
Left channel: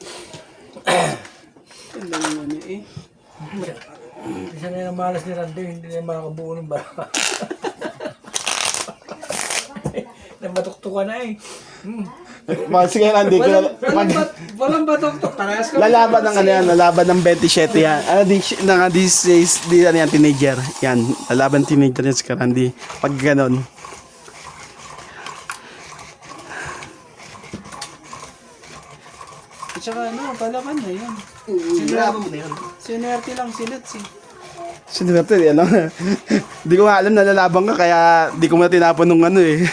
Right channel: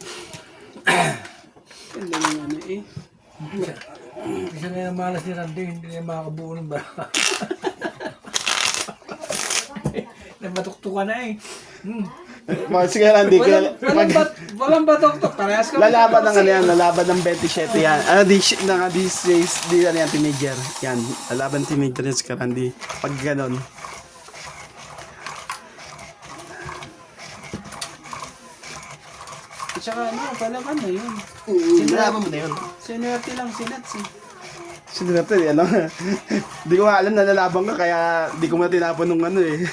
Ang dami mo ano eh. Isa na yung malas ni Randy, hindi na yung makakabuo ng baraka. Nabatuktukan na eh. Sige Randy, Walang batok to. Parehas kami. lalaban ng ano yan, lalaban ng 27 yan. Di ano yan, teenager. Yan, lalaban teenager yan si Randy. Pag ganon. At saka ano, palakan na yun. Lalaban mo na yun. Sinerte lang sinat si. Sinurte, alam na. Di ko nga alam na lalaban ka, kaya di ko na tinapon nung ano eh.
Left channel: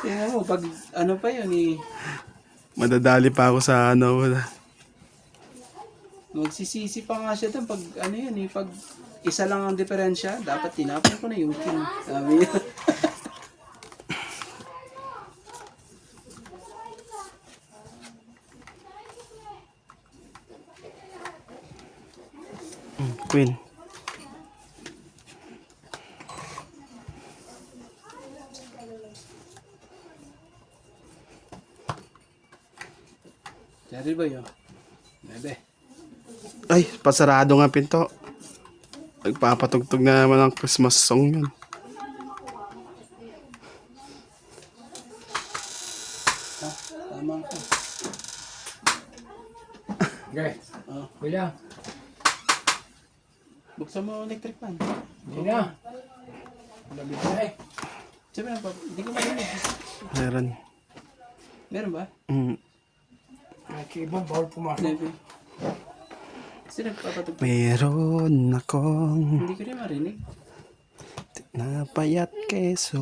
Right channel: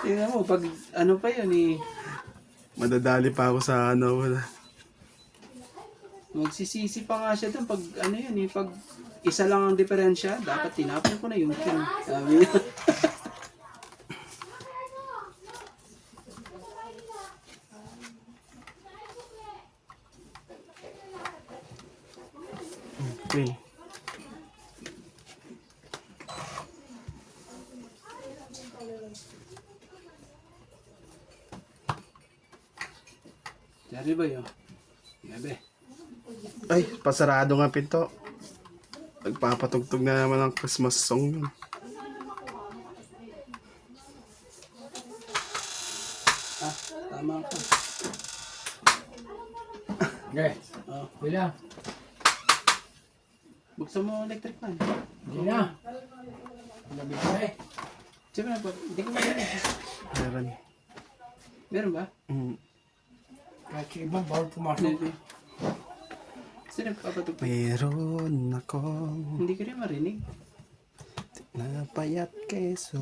Tingnan mo, pag ano pa yun eh. Madadali pa ako sa ano. Magsisisi pa nga siya dun pag ano yun eh. Pag isa lang ang diferensya, dapat tinapon ko na yung king. Sabi niya. Queen. Boy, oh. Bebe. Ay, pasarado nga pinto. Nagpapatugtog na naman ang Christmas song yun. Ah, tama ka. Okay. Oh. Bilang. Buksan mo ang electric fan. Hindi na. Labi na eh. Sabi na ba? Hindi ko marinig. Meron. Meron ba? Kahit sa ibang bawal pumasok. Bebe. Sino nagpapatugtog? Meron akong Hindi ko rin marinig. napayat keso.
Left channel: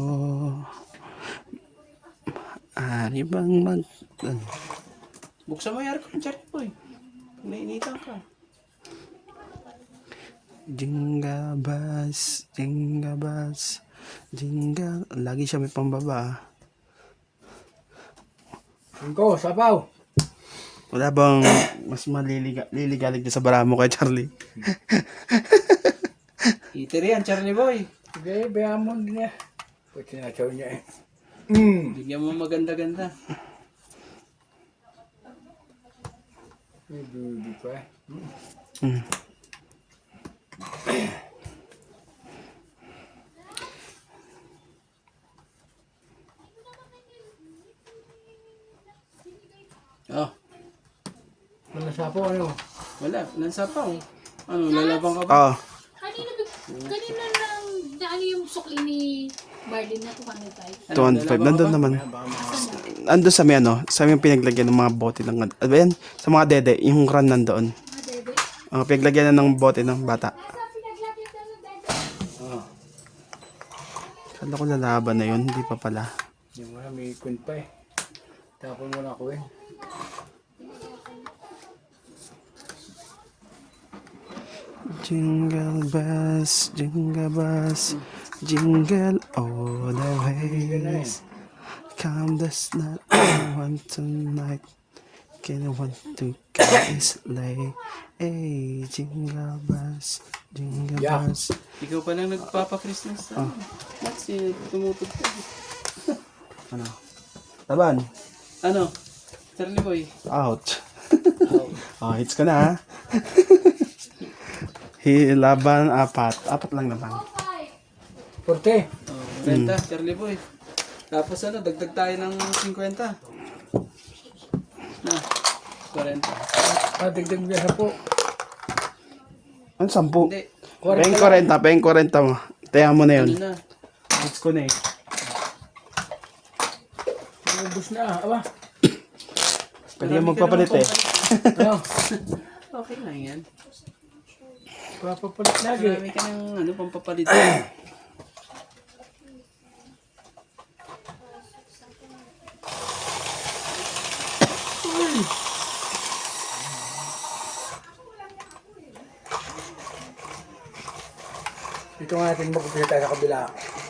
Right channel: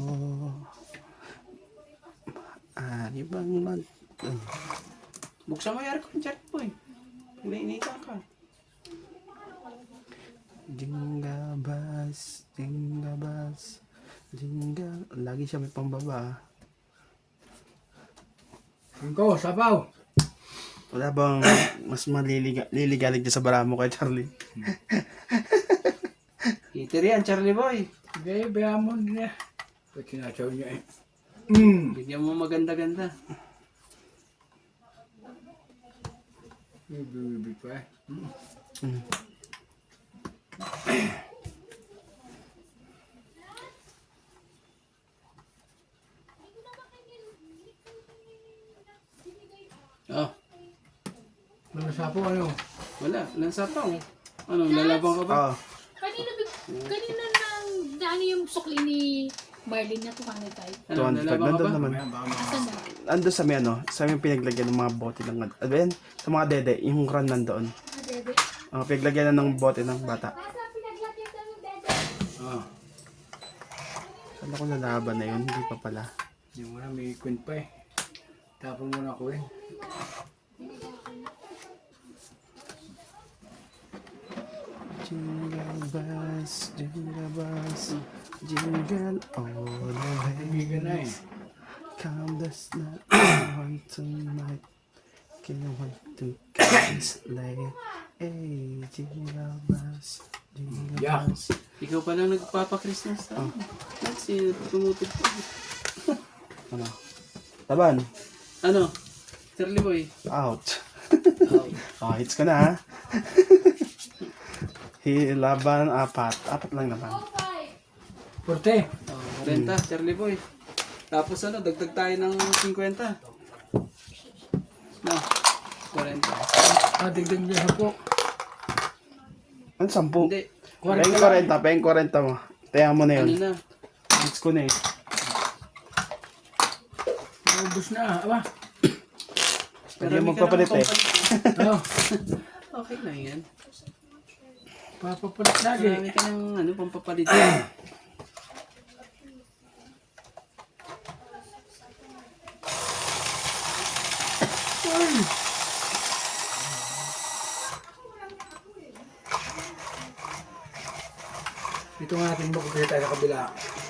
Ari bang mag... Buksan mo yung aircon, Charlie Boy. Nainitan ka. Jingabas, jingabas, jingal. Lagi siya may pambaba. Cinco, sabaw. Wala bang mas liligalig na sa baramo kay Charlie? Heater yan, Charlie Boy. Sige, bayaan mo din eh. Pag sinasaw niya eh. Bigyan mo maganda-ganda. May baby pa eh. Oh, Wala sapo ano? wala. Lansa pa, oh. Ano, lalabang ka ba? Oo. Kanino nang ano yung sukli ni Marlene na 205? Ano, 205. lalabang ka Nandun ba? naman. Asan na? Ando sa may ano, sa may pinaglagyan ng mga bote ng... Ano ba yan? Sa mga dede, yung run nandoon. Ah, bebe. Pinaglagyan na ng bote ng bata. Oh. Kala ko lalaban na yun, hindi pa pala. Hindi mo na, may ikon pa eh. Tapon mo na ako eh. Jingle bells, jingle all the way. Come the night, I want tonight. Can I want to kiss lay? Hey, jingle bells, jingle Yeah. bells. Ikaw pala nagpapa-Christmas sa Kasi tumutugtog. Ano? Laban. Ano? Charlie Boy. Ouch. Oh, hits ka na ha. Laban, apat. Apat lang naman. Porte. Oh, 40, Charlie Boy. Tapos ano, dagdag tayo ng 50. Na, 40. Ah, dagdag niya sa po. Ano, 10? Hindi, Peng 40 mo. Tayan mo na ano yun. na. Hits ko na eh. Ubus na. Aba. Pwede yung magpapalit eh. Ano? Okay na yan. Papapalit lagi. Marami ka ng ano, pampapalit. Dito nga natin magpapili tayo sa kabila.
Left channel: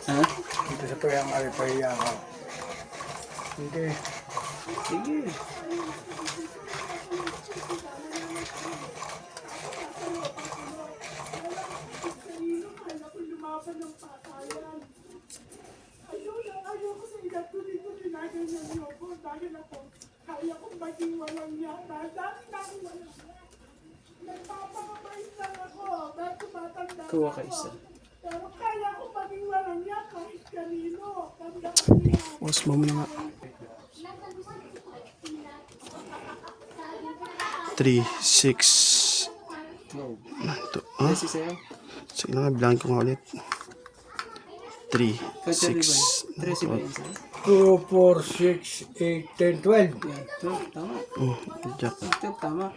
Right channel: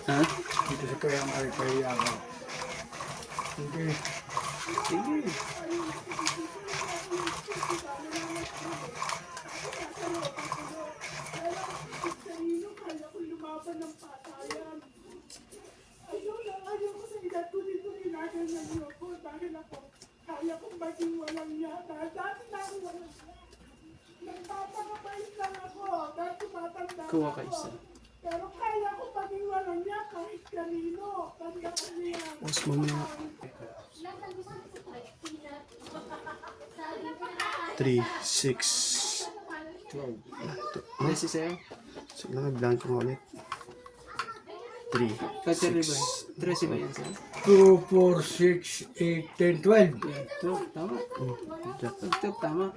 Ha? Dito sa kayang pahiya ko. Okay. Sige. Ayoko sa edad ko dito ninaganyan niyo ako dahil ako kaya kong maging walang yata. Dati na ako walang yata. Nagpapakabait lang ako dahil tumatanda Kuha ako. ka isa. Pero kaya kong maging walang yata kahit kanino. Tanda ko niya. Mas mamaya. 3, 6. Kasi sa'yo. Sige lang, blank ko nga ulit. 3, Kasi 6. 13 ba yan sa'yo? 2, 4, 6, 8, 10, 12. Yan. 12, tama. Jack. 12, tama.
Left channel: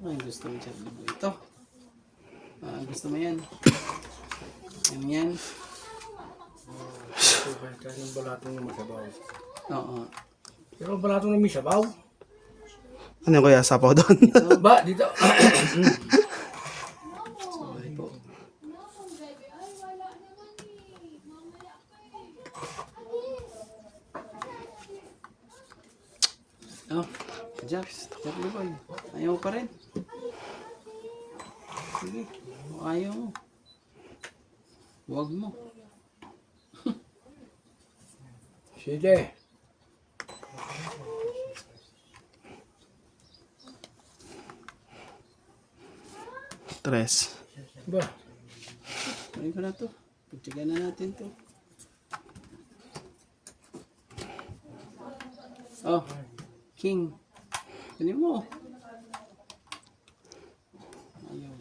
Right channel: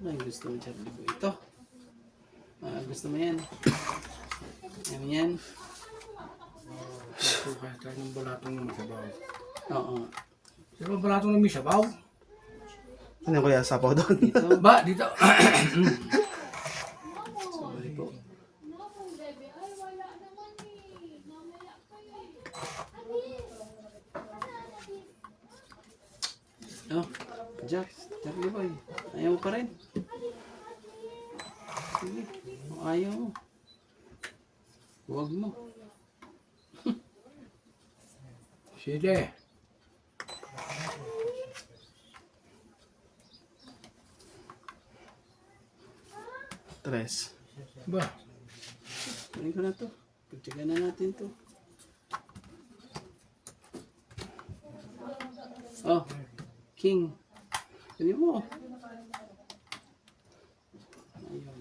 Ay, gusto mo Charlie Boy. Ito. Gusto mo yan. Yan. Ito kaya tayo ng balatong na masabaw. Oo. Pero balatong na may sabaw. Ano yung kaya sapaw doon? Ba, dito. Sorry po. Oh, Jax, Charlie Boy. Ayaw pa rin. Sige, ayaw mo. Huwag mo. Sige. Tres. Ba? Kunin ko na to. Pagtsaga na natin to. Oh, king. Kunin mo. Ayun.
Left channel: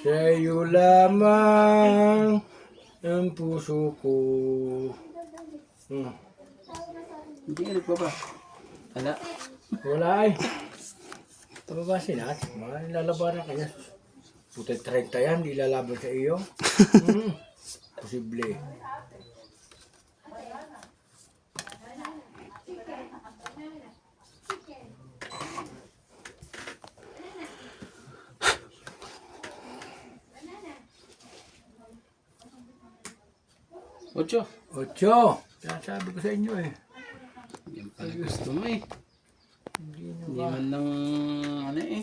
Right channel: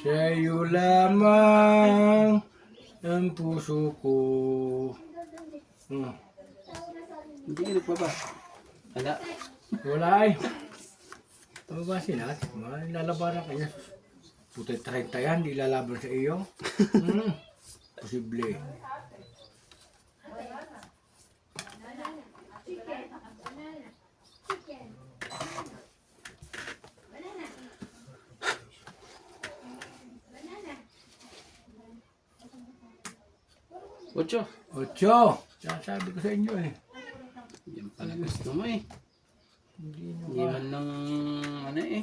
Sa'yo lamang ang puso ko. Hindi ka nagpapa. Wala. Wala ay. Ito ba sila? Mga nilalabanan kanya. Puta 30 yan, di lalaban sa iyo. Posible. Ocho. 8. Sasabi ko sa inyo eh. Yan pala gusto mo eh. Hindi nyo Hindi man lang ano eh.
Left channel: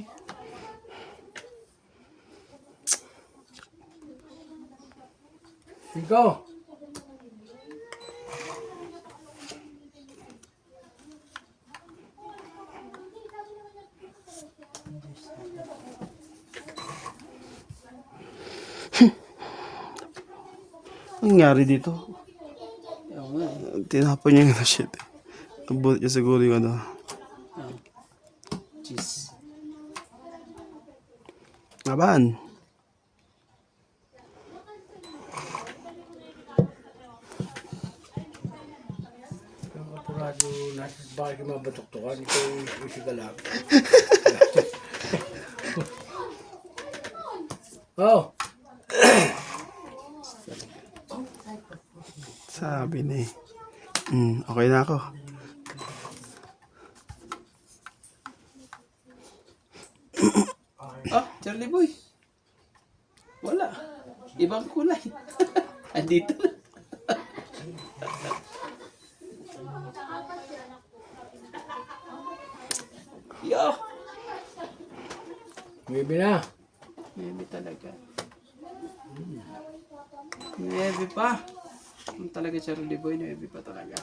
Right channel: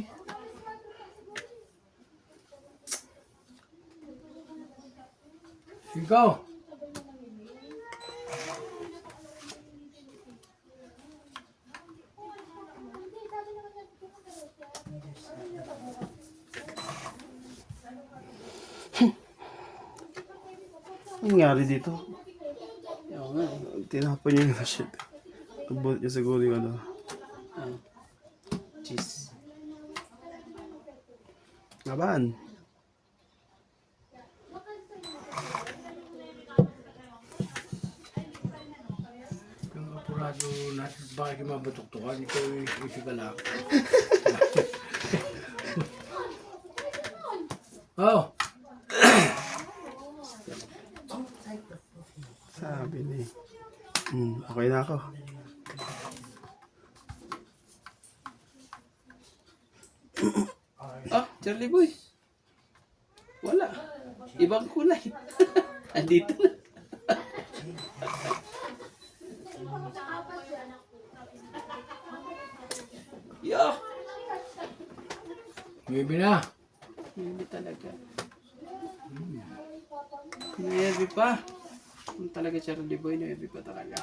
Ikaw. Anong nangyari dito? Ewan nga eh. Tinapon niya yung ano, shit. Nabulot niya siguro yung ano. Ah. Cheese. Laban. Kang apurado natin bakit mabatuktukan. Ikaw isi ka lang. Oh. Sabi na eh. Okay na ako. Ah, Charlie Boy. Wala. Ibang kulay. Andito na. Yo! Maybe na. Maybe talaga. Maybe pa. Yung talaga Charlie Boy, maybe pa talaga.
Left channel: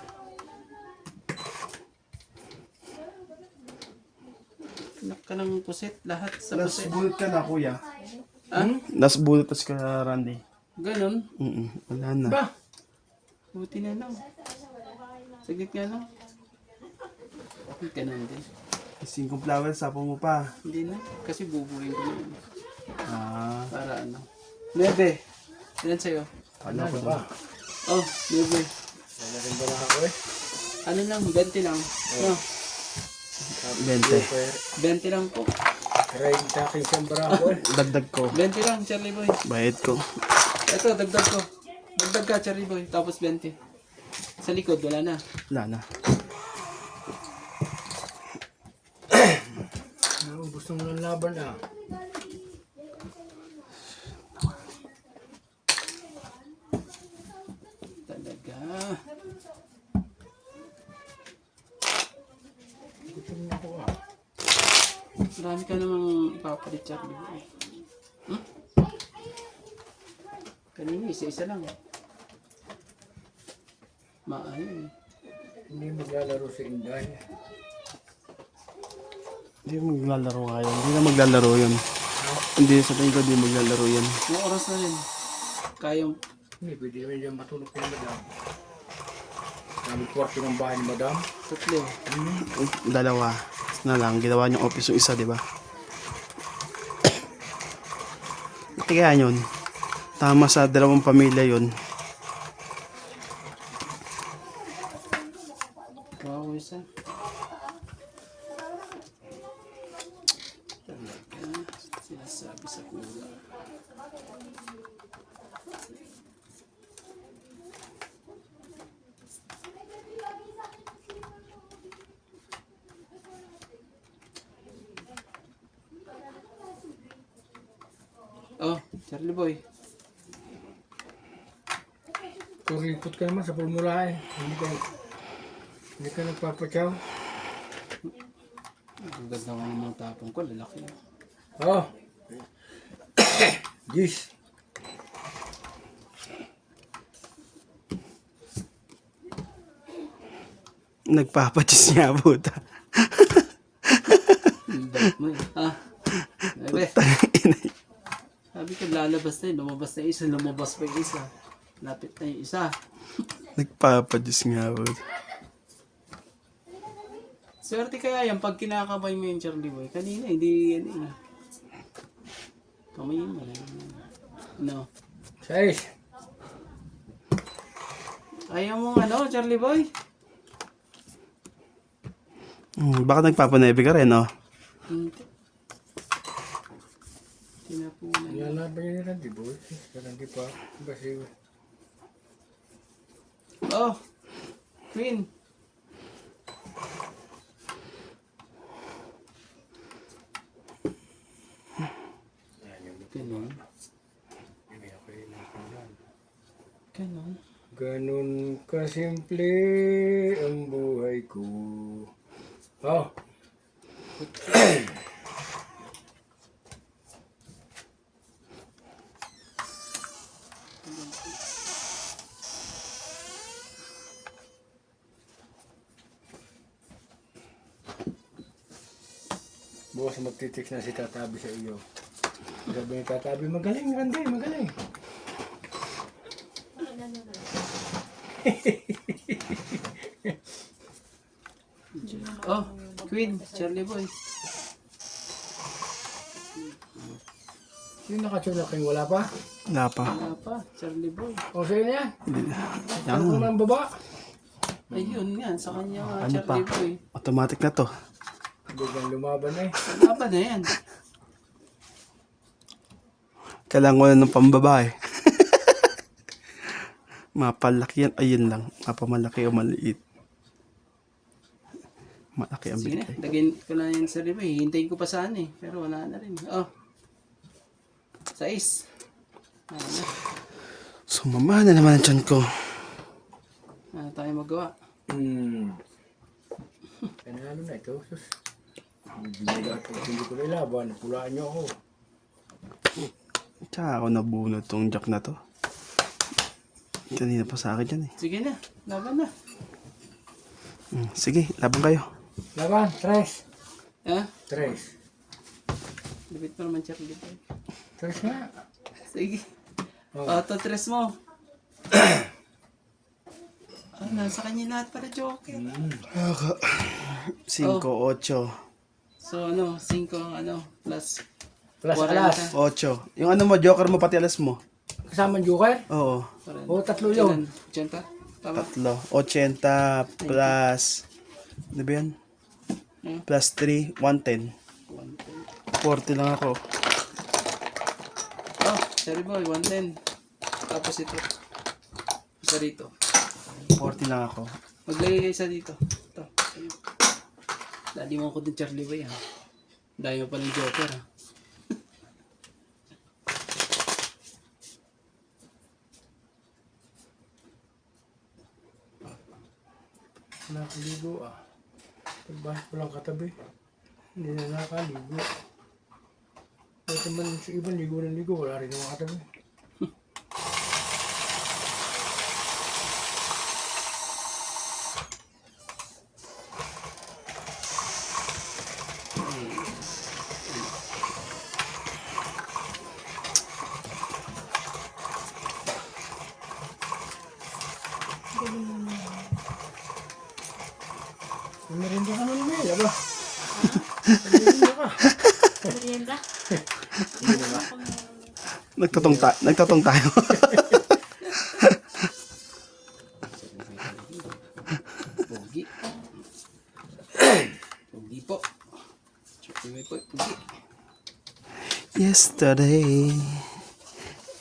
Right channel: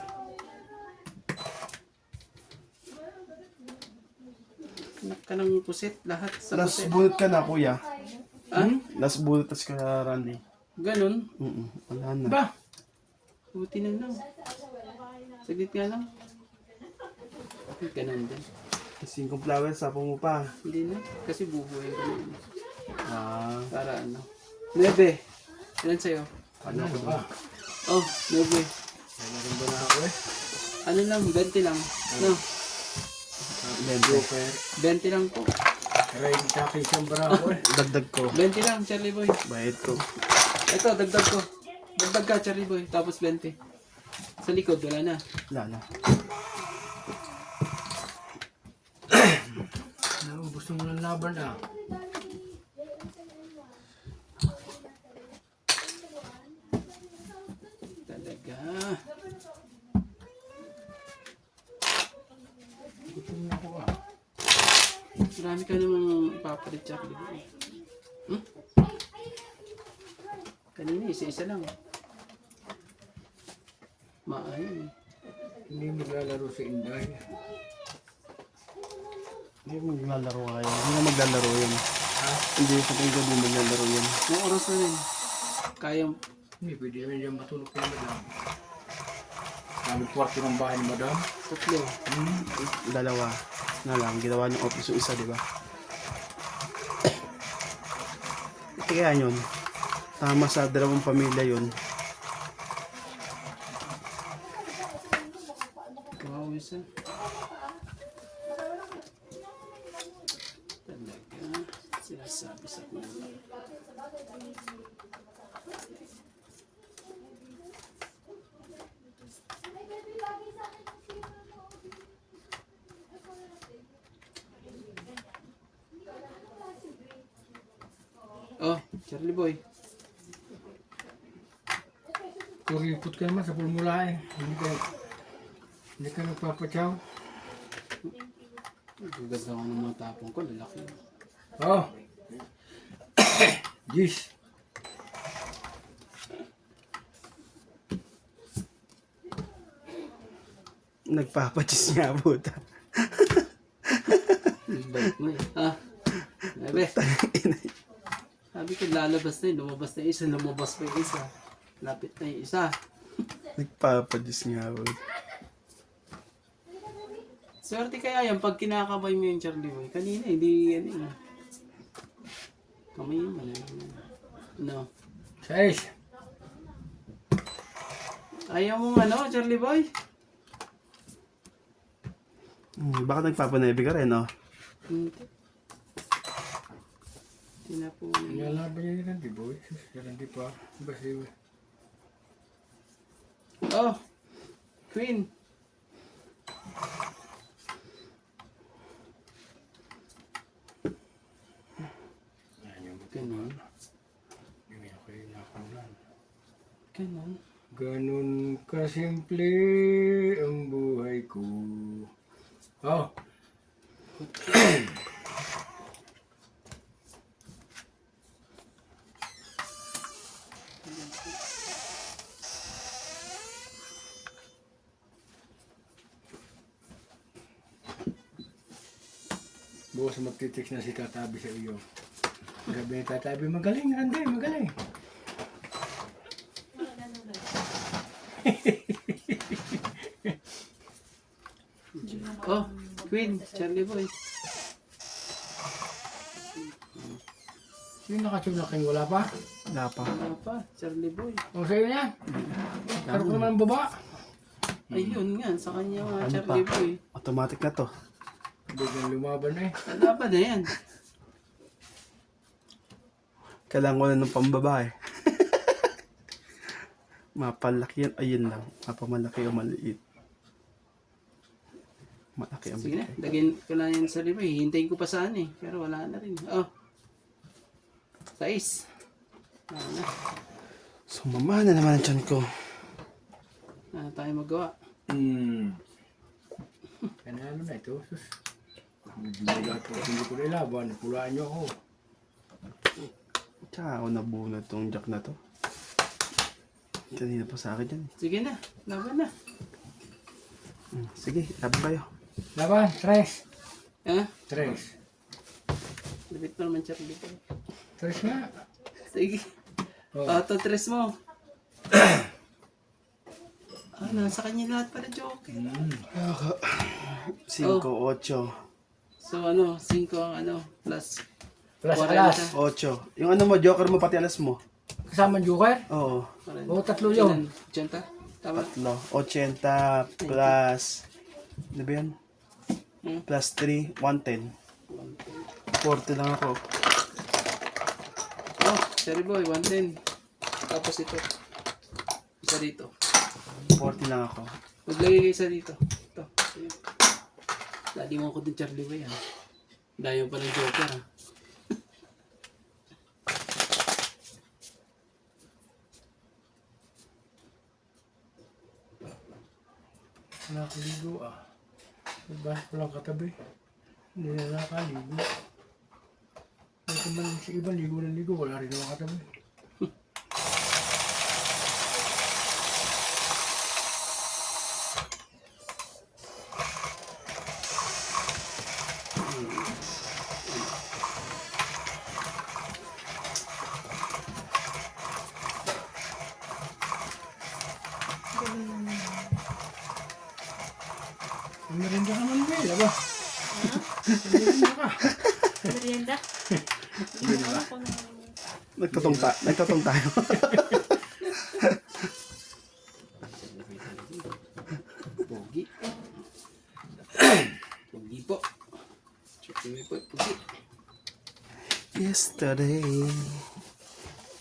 Anak ka ng pusit, lahat sa pusit. Nasbulot ka na, kuya. Ah? Nasbulot tas ka, Randy. Ganon. Wala na. Ba? Buti na lang. Saglit nga lang. Ganon din. Ising kong flowers, sapo mo pa. Hindi na. Kasi bubuhay ko na yun. Ah, Para ano. 9. Ilan sa'yo? Ano na ba? Oh, 9. Ano rin ba na ako eh? Ano lang, 20 lang. No, lente. 20 lang po. Karay sa akin siyang barako eh. Dagdag ko. 20 lang, Charlie Boy. Bayad ko. Ito, dagdag ko. Dagdag ka, Charlie Boy. Tapos 20. Sa likod, wala na. Wala na. Naubos mo ng laban ah. Talaga. Gutom na ako ah. Marami ka namang ipapalit, Charlie Boy. Kanina, isa-isa lang. Maayon eh. Hindi maglalaro sa Inday. Hindi maglalaro ngayon. Hindi na maglalaro yun. Hindi, sa tingin ko di maglalaro yun. May oras na rin. Kaya, Hindi, pwede naman dyan matulog kay madam. Namin kwarto ng bahay ni madam. tatlo. Dalawa na lang. Ginawa niyong office yung isa, di ba? Kaya yun. Tama sa dalawang pamilya yun. Wow, isa. Talaga. Sinasabi sa kulang. Oh, Charlie Boy. Kuripot ka naman sa pulmula eh. Hindi ka nagpapatyaw. Ang ganda nga ng mga tapong ko, lalaki. Oh. Jeez. Nagpapachis niya buta. Ang bait mo. Ha? Sabi. Sabi ko lalabas na yun. Lumabas na yung isa. Lumabas pa yung isa. Lapit na yung isa. Nagpapachis nga buta. Swerte kaya yan pag kinakamay mo yung Charlie Boy. Kanina hindi yan eh. Kamay mo na. No. 6. Ayaw mo ano, Charlie Boy? Baka nagpapanebe ka rin, no? Hindi. Tinapunan. Nilalaban niya ni Randy Boy. Pero hindi pa. Kasi Oh! Queen! Ganon. Ganon. ganun kasimple ang buhay ko. Oh. Bukas magtitext na si Tatabi sa iyo. Sabi ni Tatabi, magaling Randy, magaling. Oh! Queen! Charlie Boy! Yung nakatsunaking wala pa? Wala pa. Wala pa, Charlie Boy. O sa'yo yan. Ano ko naman baba? Ayun nga, sa kanya nga, Ano Charlie pa? Boy. Automatic na to. Biglang lumaban eh. Wala pa na yan. Kailangan ko na ng pambabae. Mapalaki yan. Ayun lang. Mapamalaki o maliit. Malaki ang Sige na, bigay. lagyan ko na yan sa Charlie Boy. Hintayin ko pa saan eh. Pero wala na rin. Oh! 6. Ano na? Sumama na naman ang tiyan ko. Ano tayo magawa? Kanano na ito? Sus. Hindi mo lahat po. Hindi ko na ilaban. Pulaan niyo ako. Tsaka ako nabunod tong jack na to. Kanina pa sa akin yan eh. Sige na, laban na. Sige, laban kayo. Laban. 3. Ha? 3. Lapit pa naman Charlie Boy. 3 nga. Sige. Oh. Auto 3 mo. Nasa kanya lahat pala Joker. 5, 8. So ano, 5 ang ano, plus. Plus 40. alas. 8. Yung ano mo, joker mo pati alas mo. Kasama ang joker? Oo. O, 3 yun. 80? Tama? 80 plus... Ano ba yan? Plus 3, 110. 40 lang ako. Oh, Charlie Boy, 110. Tapos ito. Isa dito. 40 lang ako. Maglagay kayo isa dito. Ito. Dali mo ako din Charlie Boy ha. Dayo pa ng Joker ha. Nakaligo ah. Pagbahas ko lang katabi. Hindi na nakaligo. Ito man sa ibang ligo ng ligo. Wala rin naman katabi. Meron ka naman ba? Diba? Meron ka. Merienda? Nagtatong tayo. Pogi. Pogi po. Charlie Boy po, pogi. Yesterday,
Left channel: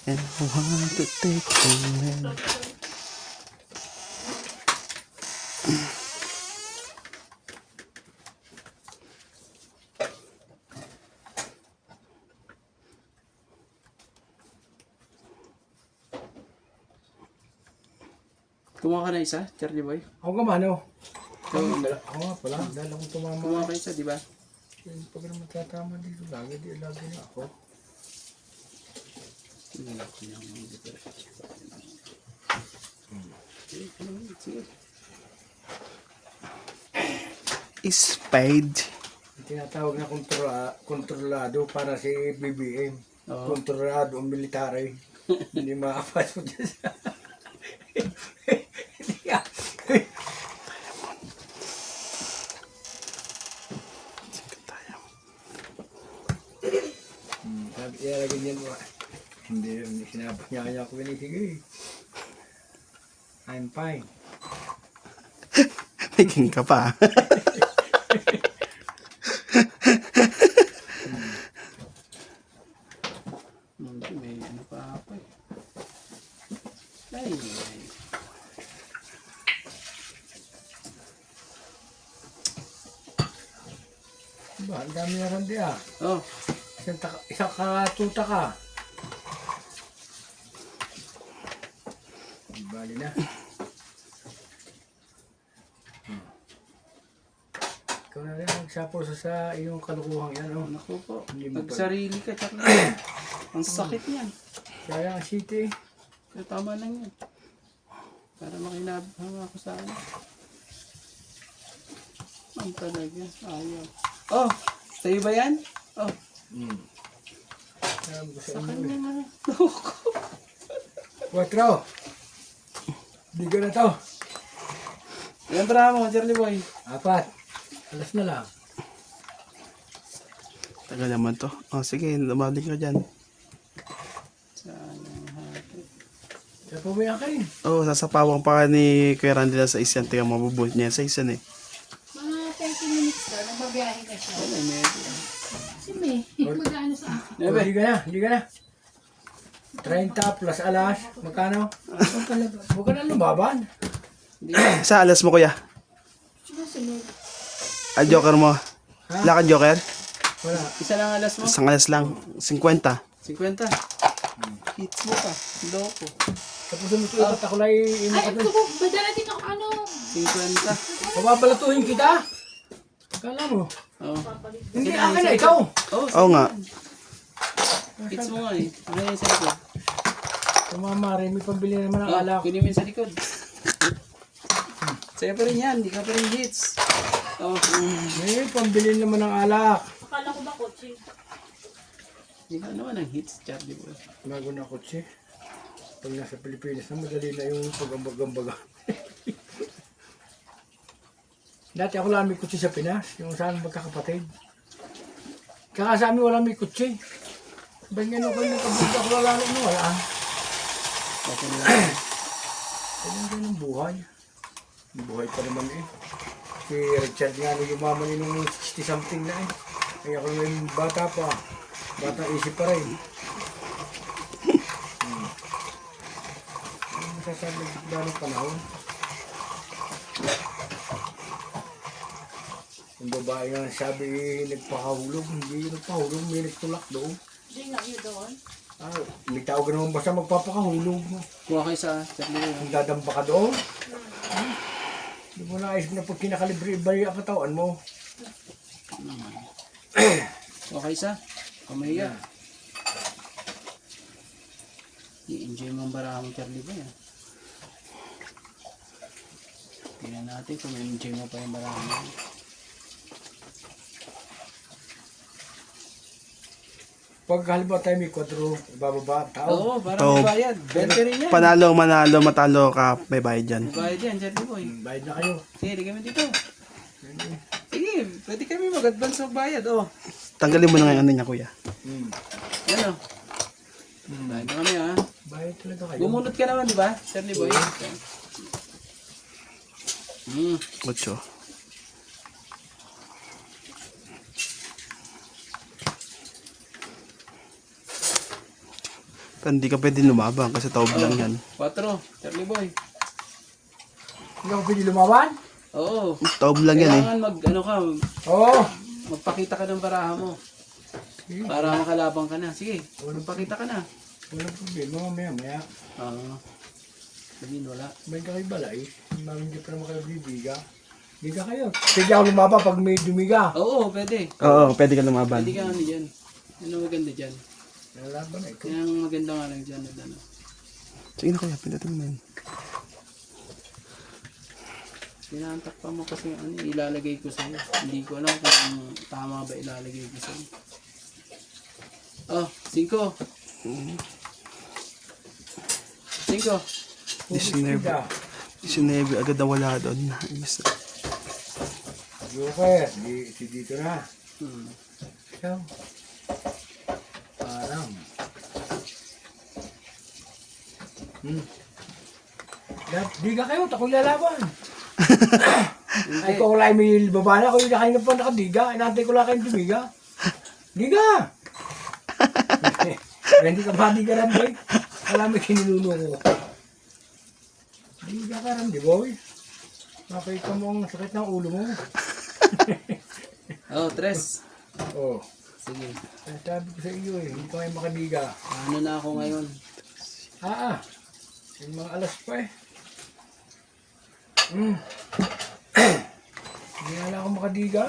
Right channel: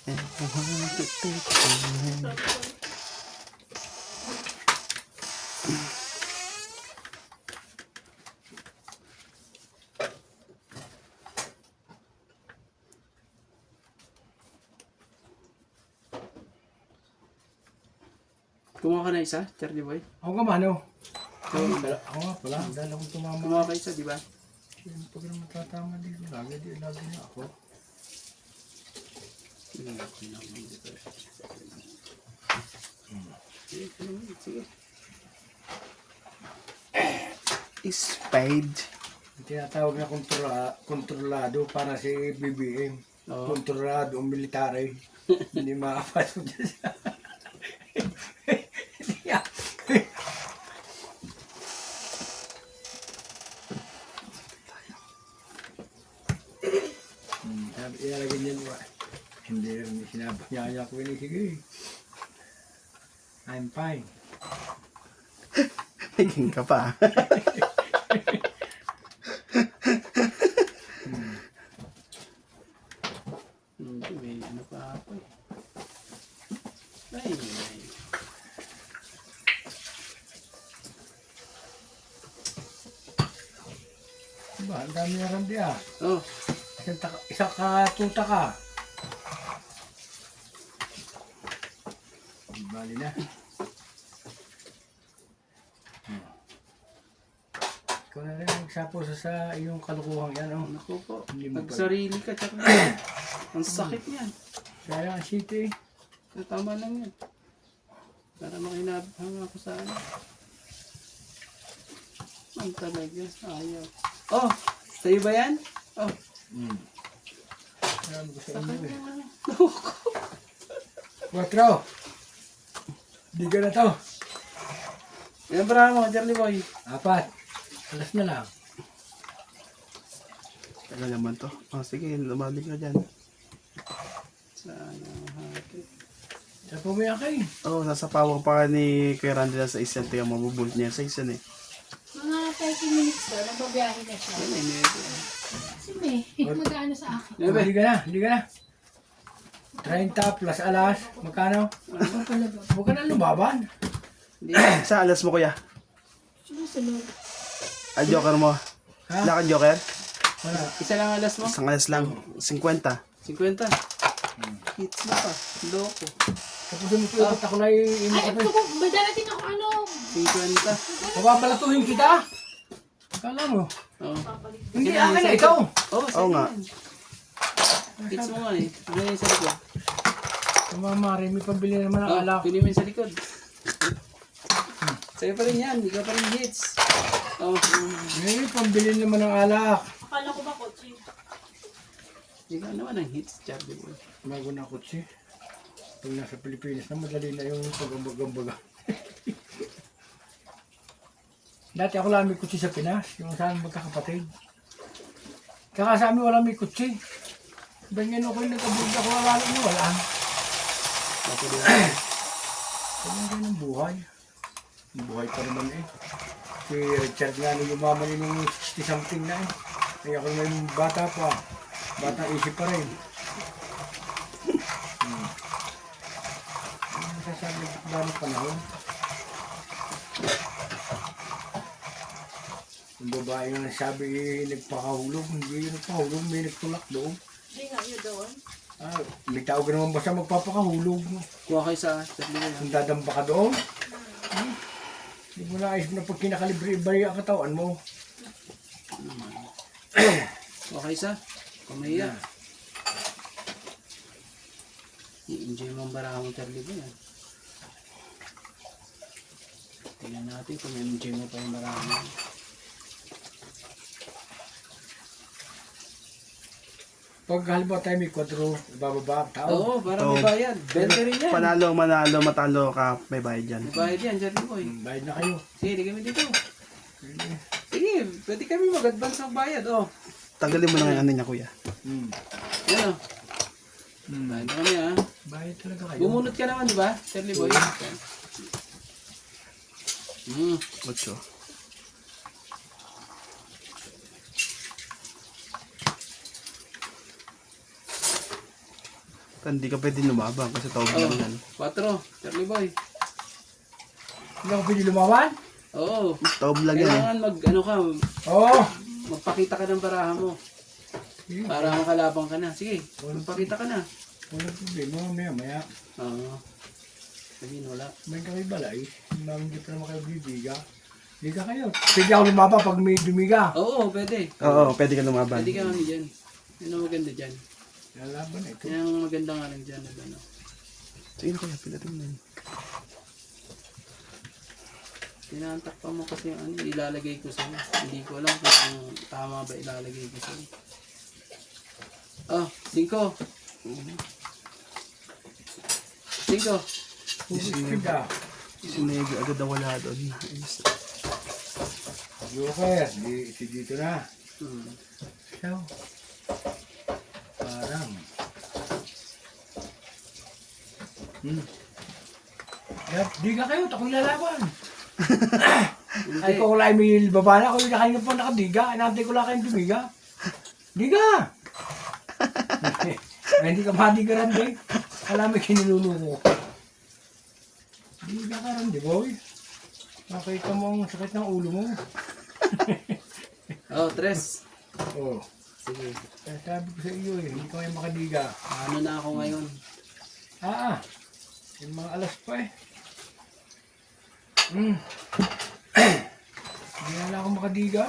and I want to take you. Kumuha ka na isa, Charlie Boy. Ako ka mano. Kumuha Ako nga pala. Dahil akong tumama. ka isa, di ba? Yan, pag naman tatama dito lagi, di lagi na ako. Sige, sige. Spade. Yung tinatawag na kontrolado para si BBM. Oo. Kontrolado ang military. Hindi makapasok dyan sa... Sabi, ialagay niyan mo. Hindi sinabi niya ako yun. Sige. I'm fine. Naging ka pa. May ano pa ako. Ay. Diba, ang dami na randi ah. Oh, Isang katuta ka. Di bali na. Ikaw na rin magsapo sa iyong kalukuhang yan. Oh. naku po. Hindi mo Nagsarili ka, tsaka. Ang sakit niyan. Kaya ang city. Pero tama lang yan. Para makinabang ako sa ano. Ang talaga. Ayaw. Oh! Sa'yo ba yan? Oh. Sabi ko sa Sa inyo kanya eh. nga. 4. Di ka na to. Yan para mo, Charlie Boy. 4. Alas na lang. Tagal naman to. Oh, sige, lumalik ka dyan. Sayang hati. Sa pumayak kayo. Oh, sasapawang pa ka ni Kuya Randy na sa isyan. Tingnan, mabubult niya sa isyan eh. Mga 30 minutes daw, nagbabiyahe na siya. Ano yung medyo? Si May, mag-ano sa akin. Oh, di ka na. Di ka na. 30 plus alas. Magkano? Huwag ka na lumaban. Hindi. Sa alas mo, Kuya. Sunod. Ah, joker mo. Ha? Wala kang joker? Wala. Isa lang alas mo? Isang alas lang. 50. 50. Hits mo pa. Loko. Tapos sumusunod ako na Ay, ito ko, badala din ako ano. 50. Mababalatuhin kita. Kala mo. Oh. Hindi akin na ikaw. Oh, Oo nga. hits mo nga eh. Ano yung sa likod? Tumamari, may pambili naman ng Oh, alak. kunin mo yung sa likod. Sa'yo pa rin yan. Hindi ka pa rin hits. Oh, May pambili naman ng alak. Akala ko ba kotse? hindi ka naman ang hits, Charlie Boy. Bago na kotse. Pag nasa Pilipinas na, madali na yung pag-ambaga. Dati ako lang may kutsi sa Pinas, yung saan magkakapatid. Kaya sa amin wala may kutsi. Ba't nga ako yung nagkabuti ako lalalo mo, wala. Kasi din. Kaya ganyan ang buhay. Ang buhay pa naman eh. Si Richard nga nung yumaman yun nung 60 something na eh. Kaya ako naman bata pa. Bata isip pa rin. Ano masasabi ba ng panahon? Yung babae nga sabi nagpakahulog, hindi yung nagpahulog, may nagtulak doon. Hindi nga yun doon. Ah, may tao ka naman basta magpapakahulog. Kuha kayo sa Charlie Boy. Kung dadamba ka doon, hindi mo naisip na pag kinakalibre iba yung katawan mo. Okay sa? Kamaya. I-enjoy mo ang baraha mo, Charlie Boy. Tingnan natin kung i-enjoy mo pa yung baraha mo. Pag halimbawa tayo may 4, ibababa ang tao. Oo, para Oo. may bayad. 20 rin yan. Panalo, manalo, matalo ka, may bayad dyan. May bayad yan, Charlie Boy. Bayad na kayo. Sige, di kami dito. Sige, pwede kami mag-advance sa bayad, oh. Tanggalin mo na nga yung ano niya, Kuya. Yan, oh. Bayad na kami, ah. Bayad talaga kayo. Bumunot ka naman, di ba, Charlie Boy? Hmm. 8. Hindi ka pwede lumabang kasi taob lang yan. 4, Charlie Boy. Hindi ako pwede lumawan? Oo. Taob lang yan eh. Kailangan ano ka, Oo. magpakita ka ng baraha mo. Para makalabang ka na. Sige, magpakita ka na. Walang problema, maya. Oo. Sabihin, wala. May kami balay. Hindi pa naman kayo bibiga. Diga kayo. Pwede ako lumaba pag may dumiga. Oo, pwede. Oo, pwede ka lumaban. Pwede ka ano dyan. Yan ang maganda dyan. Lalaban na ito. Yan ang maganda nga lang dyan. Ano. Sige na kuya, pindutin mo na yun. Tinatak pa mo kasi ano, ilalagay ko sa'yo. Hindi ko alam kung tama ba ilalagay ko sa'yo. Oh, 5. 5. Diga. 19 agad na wala doon. Isa. Joker, si dito na. Hmm. So, parang. Diga kayo, ako'y lalaban. Ay, kung wala may baba na, kung kanina pa nakadiga, inantay ko lang kayong dumiga. Diga! Hindi ka madigaran, boy. Alam mo, kiniluno ko. Diga ka rin, di ba, boy? Makita mo ang sakit ng ulo mo. Oh, 3. Oh, Sige. sabi ko sa iyo eh, hindi ka may makadiga. Ano na ako ngayon? Yung mga alas pa eh. Hindi na ako makadiga.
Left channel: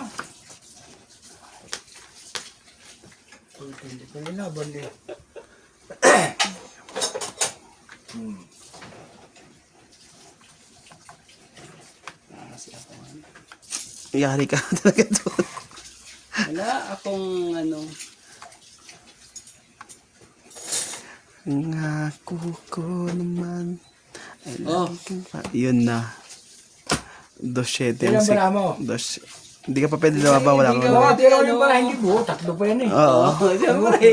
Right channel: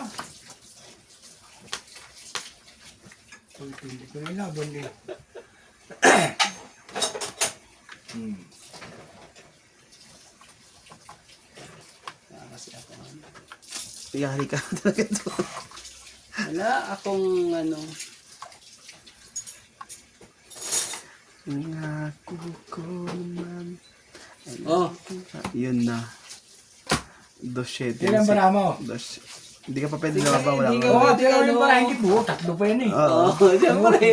Hindi ko nilaban eh. Kasi ako ano. Yari ka talaga doon. Wala akong ano. Ngako ko naman. Oh, Yun na. 2-7. Ilan ba na mo? Hindi ka pa pwede lumaba, wala Hindi ka. ka- Oo, pero yung para hindi buo, 3 pa yan eh. Oo. siyempre.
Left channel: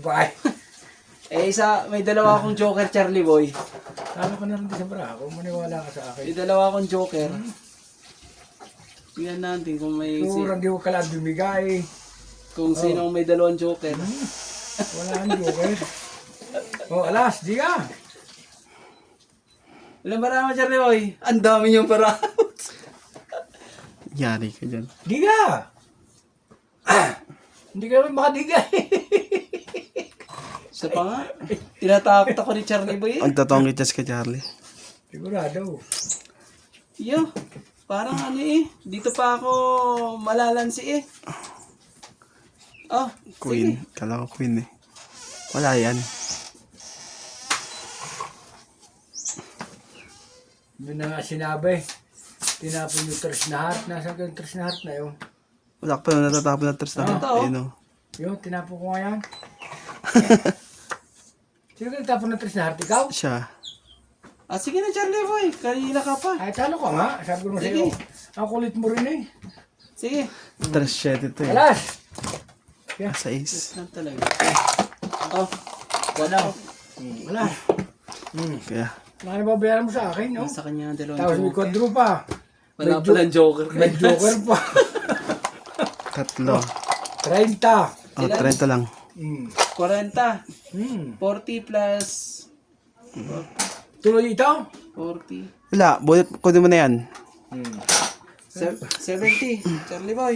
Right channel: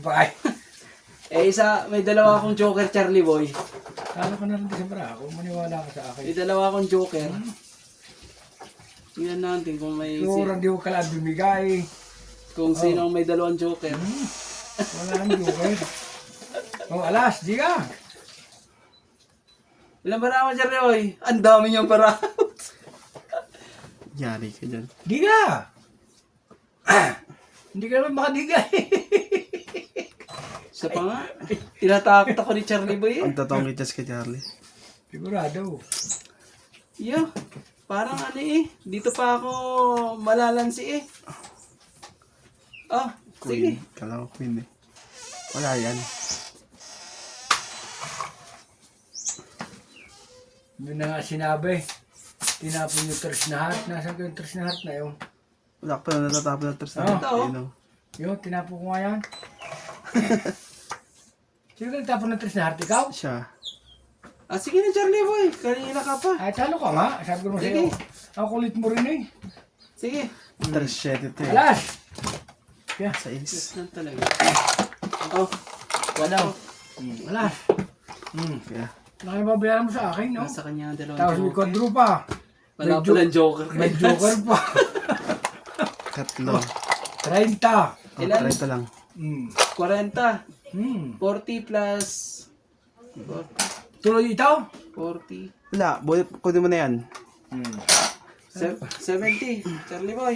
Bye. May dalawa akong joker, Charlie Boy. Talo ka na rin sa bara ako, maniwala ka sa akin. May dalawa akong joker. Tingnan natin kung may Siguro hindi ko kala bumigay. kung sinong may dalawang joker. Wala nang joker. Oh, alas, di ka. Ilan ba naman, Charlie Boy? Ang dami niyong para. Yari ka dyan. Di ka. Hindi ka naman makadigay. Siya pa nga. Tinatakot ako ni Charlie Boy eh. Ang totoong itas ka, Charlie. Sigurado. Yeah. Parang ano eh. Dito pa ako malalansi eh. Oh, Queen. sige. Kala ko queen eh. Wala yan. Doon na nga sinabi. Tinapon yung tres na heart. Nasaan ko yung tres na heart na yun? Wala ka pa na natatapon na tres na. Ito, oh. Ayun, oh. Yun, tinapon ko nga yan. Sino ka nagtapon ng tres na heart? Ikaw? Siya. Ah, sige na Charlie Boy. Kanina ka pa. Ay, talo ka nga. Sabi ko naman Sige. sa'yo. Ang kulit mo rin eh. Sige. 3-7 ito eh. Alas! 6. Yan talaga. Oh, wala ako. Alas! Kaya. Nakibabayaran mo sa akin, no? Nasa kanya ang dalawang Tapos may joker. quadro pa. Wala pa ng joker. May joker pa. 3. 30. Oh, 30 lang. 40. 40 plus Tuloy ito? 40. Wala. Kunin mo na yan. 70. Charlie Boy.